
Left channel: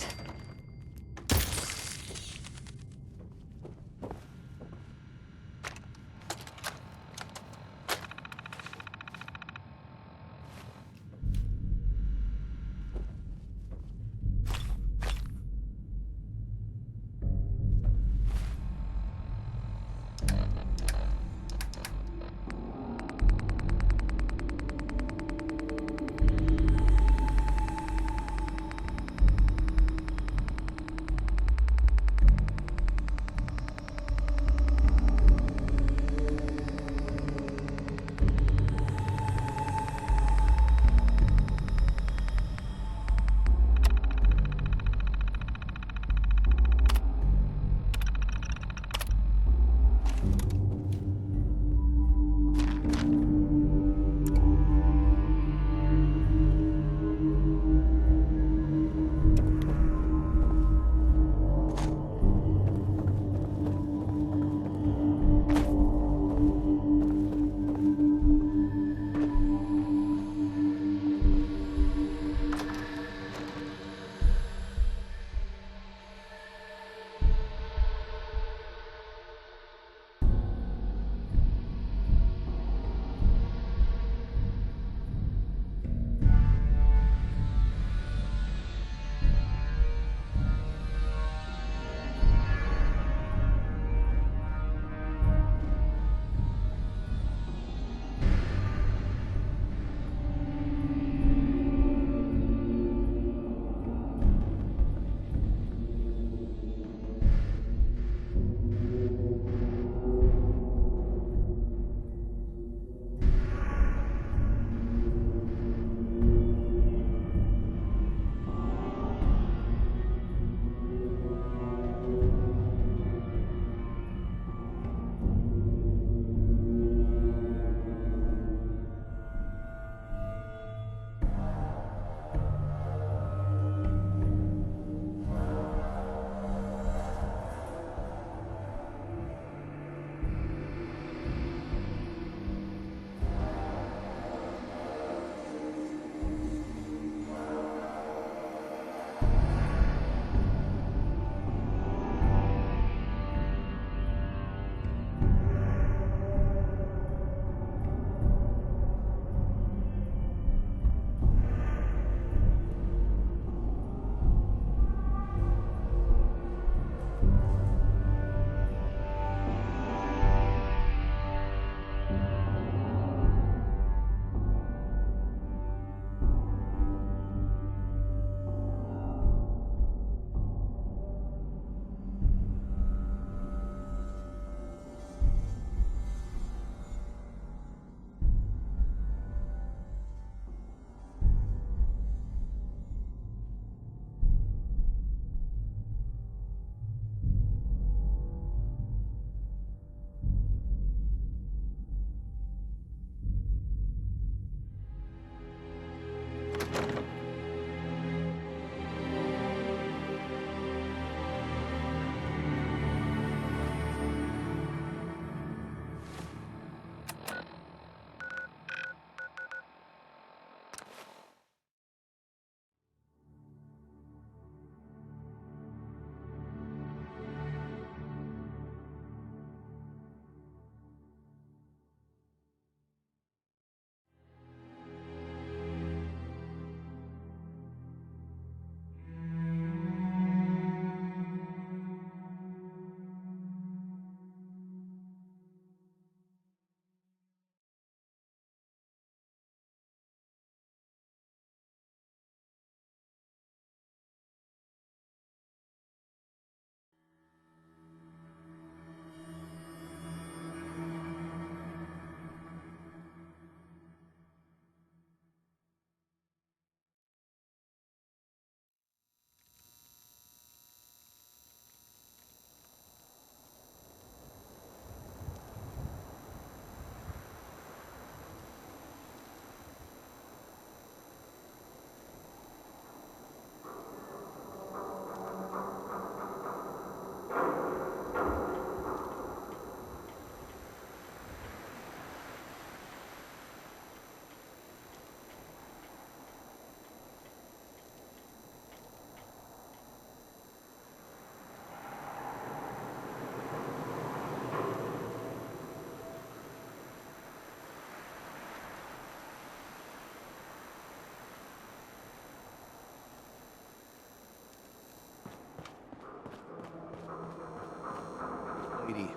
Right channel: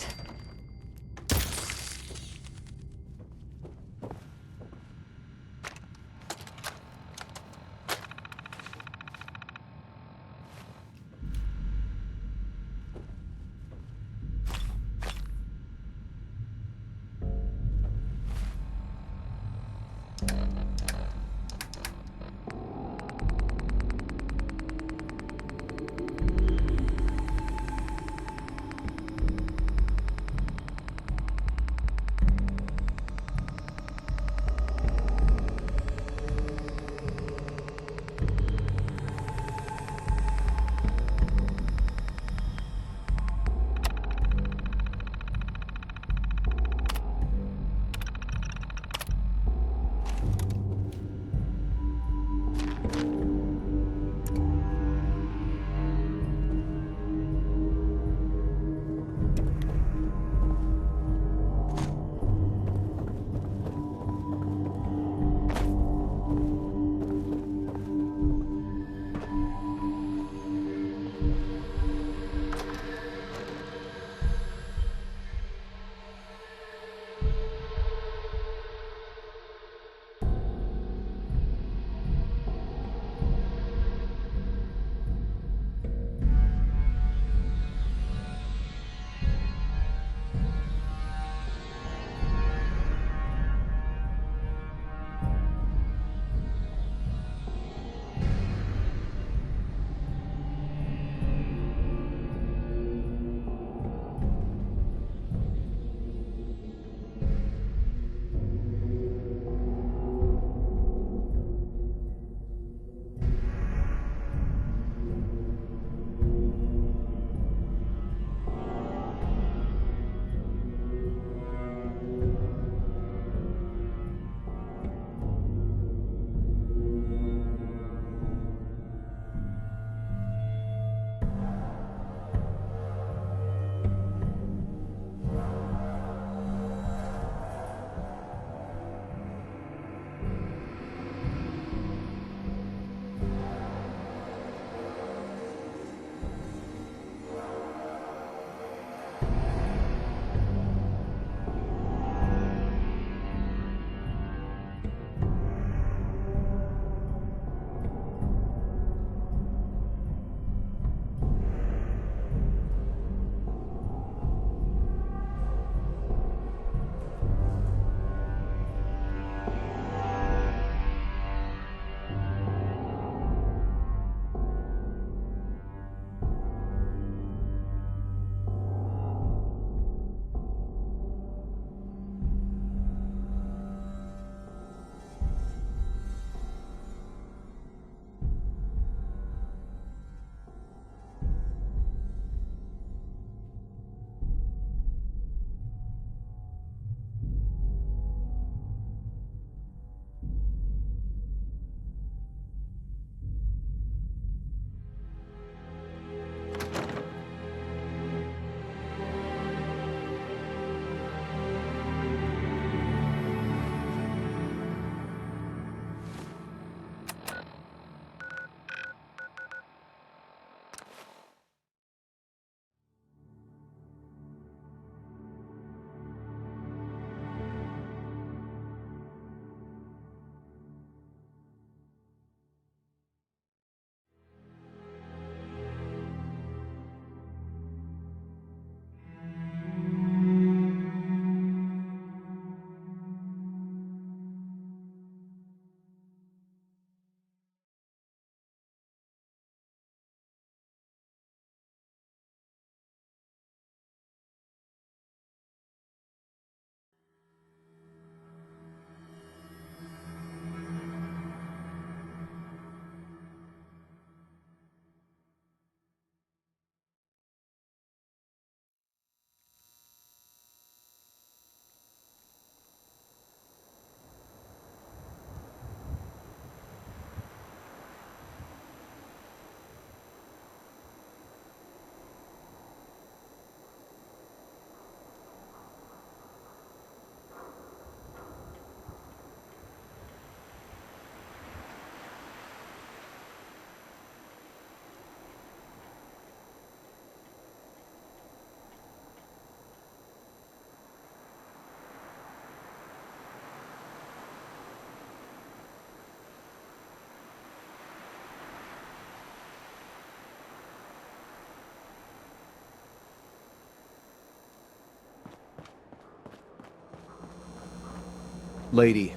Lady,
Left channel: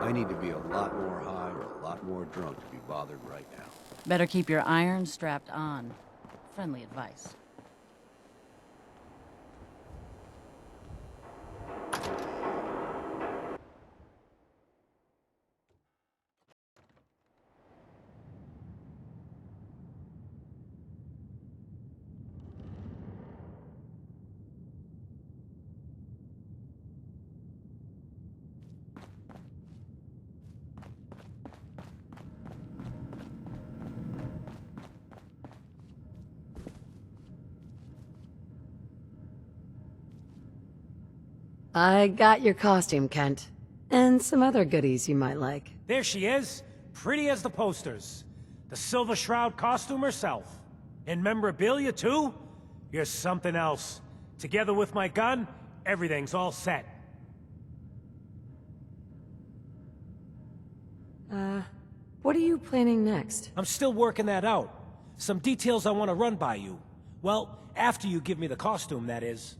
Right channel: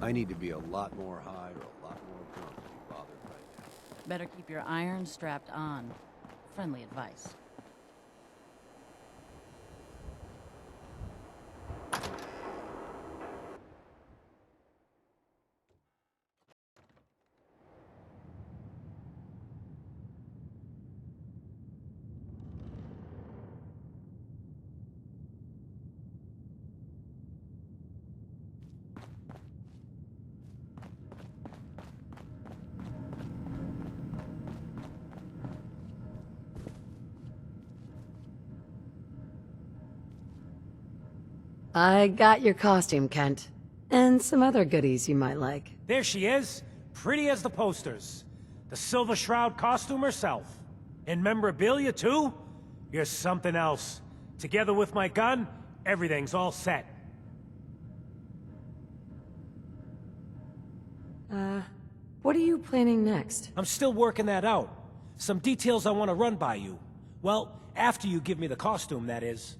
I need to be a lot more high or a lot more drunk to be bothered right now. Better keep your irons strapped on. Friendly advice. I got your costume, Kent. And some other goodies you might like. There she is, pretty as the posters. The Silver Shroud costume herself. And memorabilia, too? You're something else. Together with my gun, everything's all set. What are you planning next? I'm still working that out. Some details I want to run by you. Well, after you give me the costume, that is.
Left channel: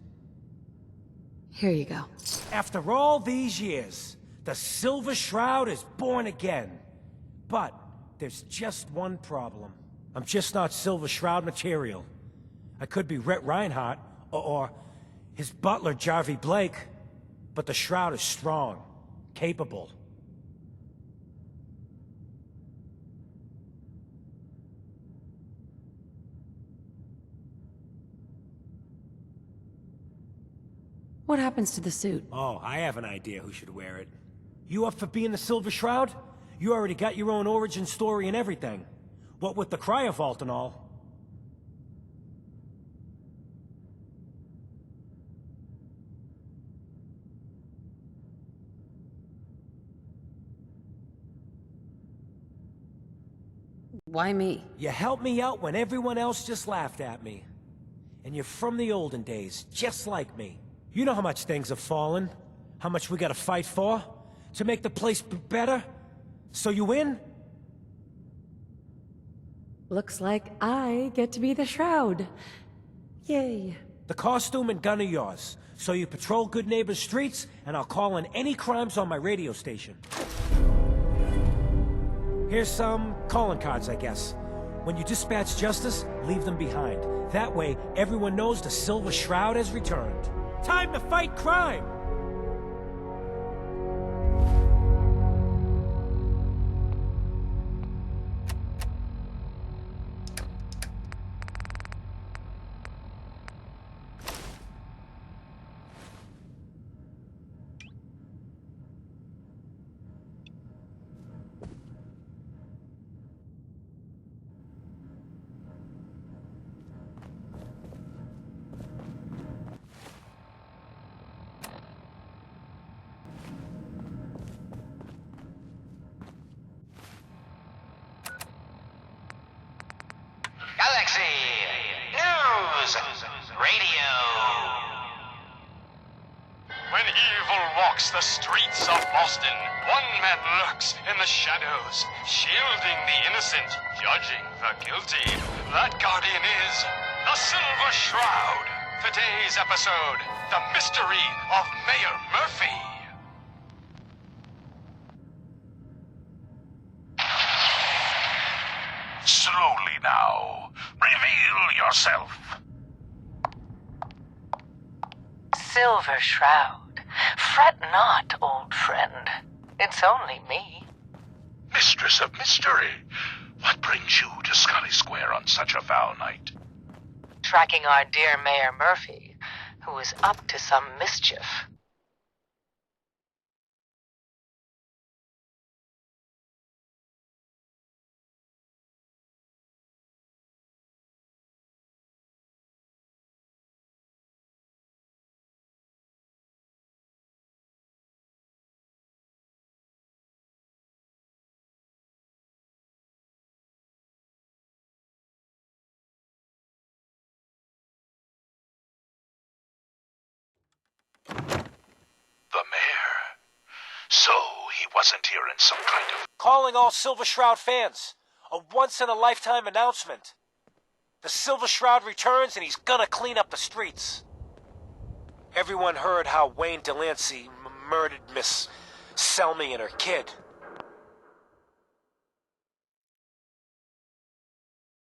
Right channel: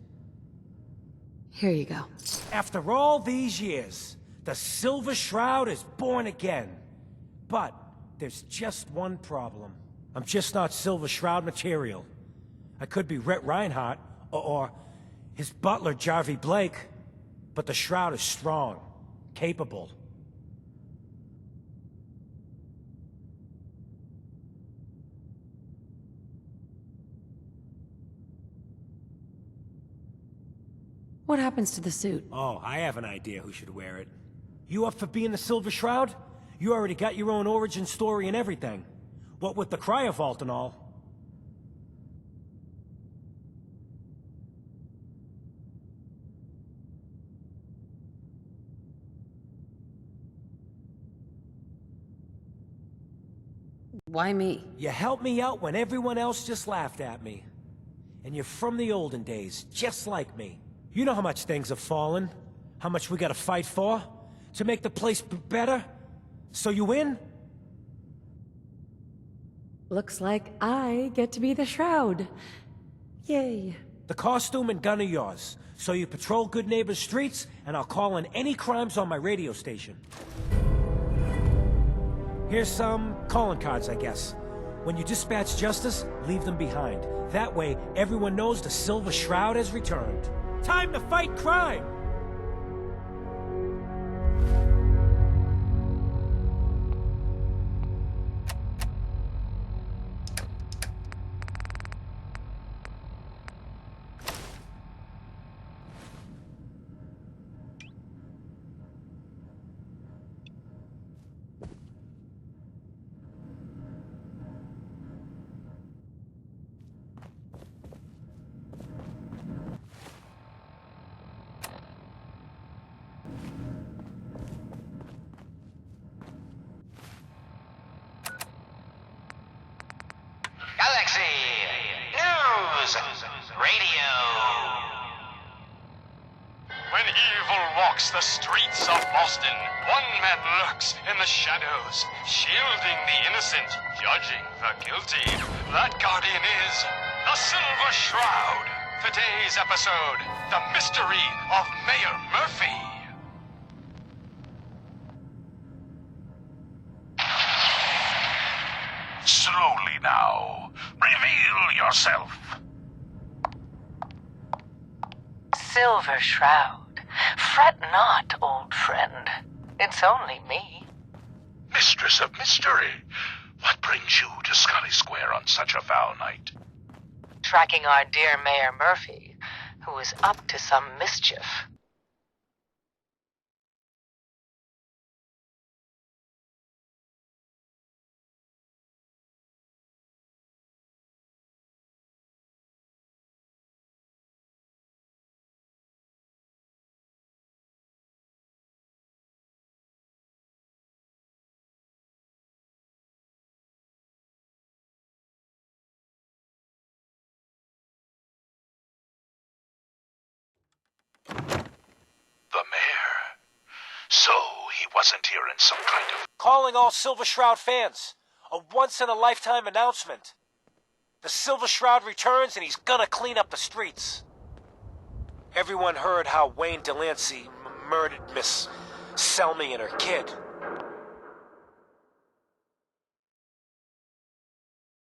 Here you go. After all these years, the Silver Shroud is born again. But there's just one problem. I'm just not Silver Shroud material. I could be Rhett Reinhardt, or his butler, Jarvie Blake. But the Shroud is strong, capable. What happens to the suit? Oh, I have an idea who should wear it. You up for being the Silver Shroud? You already got your own origin story and everything. What with the cryovault and all. Why me? You helped me out when everyone else just laughed at me. And you're from the olden days, just like me. You know how much things have fallen, how much we gotta fight for, to make the place better? So you win? Looks like I get to be the Shroud. Yay. The costume and gun are yours, so you patrol Good Neighbor's streets, and I'll call in any crimes on my radio station. Here's some calling cards, I guess. When you dispatch justice, leave them behind. That way, everyone knows the Silver Shroud has returned. Time to fight crime! Galaxy News Radio. When evil walks the streets of Boston, one man lurks in the shadows, shielding the innocent, judging the guilty. That guardian is the Silver Shroud. Today's episode, the mystery of Mayor Murphy. Slowly now. Reveal yourself. Silver Shroud. Fret not, old friend. It's only me. Mistress of Mystery, what brings you to Scully Square on such a foul night? Tracking our dear Mayor Murphy, who is up to some mischief. The mayor. So he wasn't here in some kind of... Calling all Silver Shroud fans. A once-in-a-lifetime announcement. The Silver Shroud returns and he's gonna clean up the streets. Everyone heard how Wayne Delancey murdered Miss... Selmy and her kid.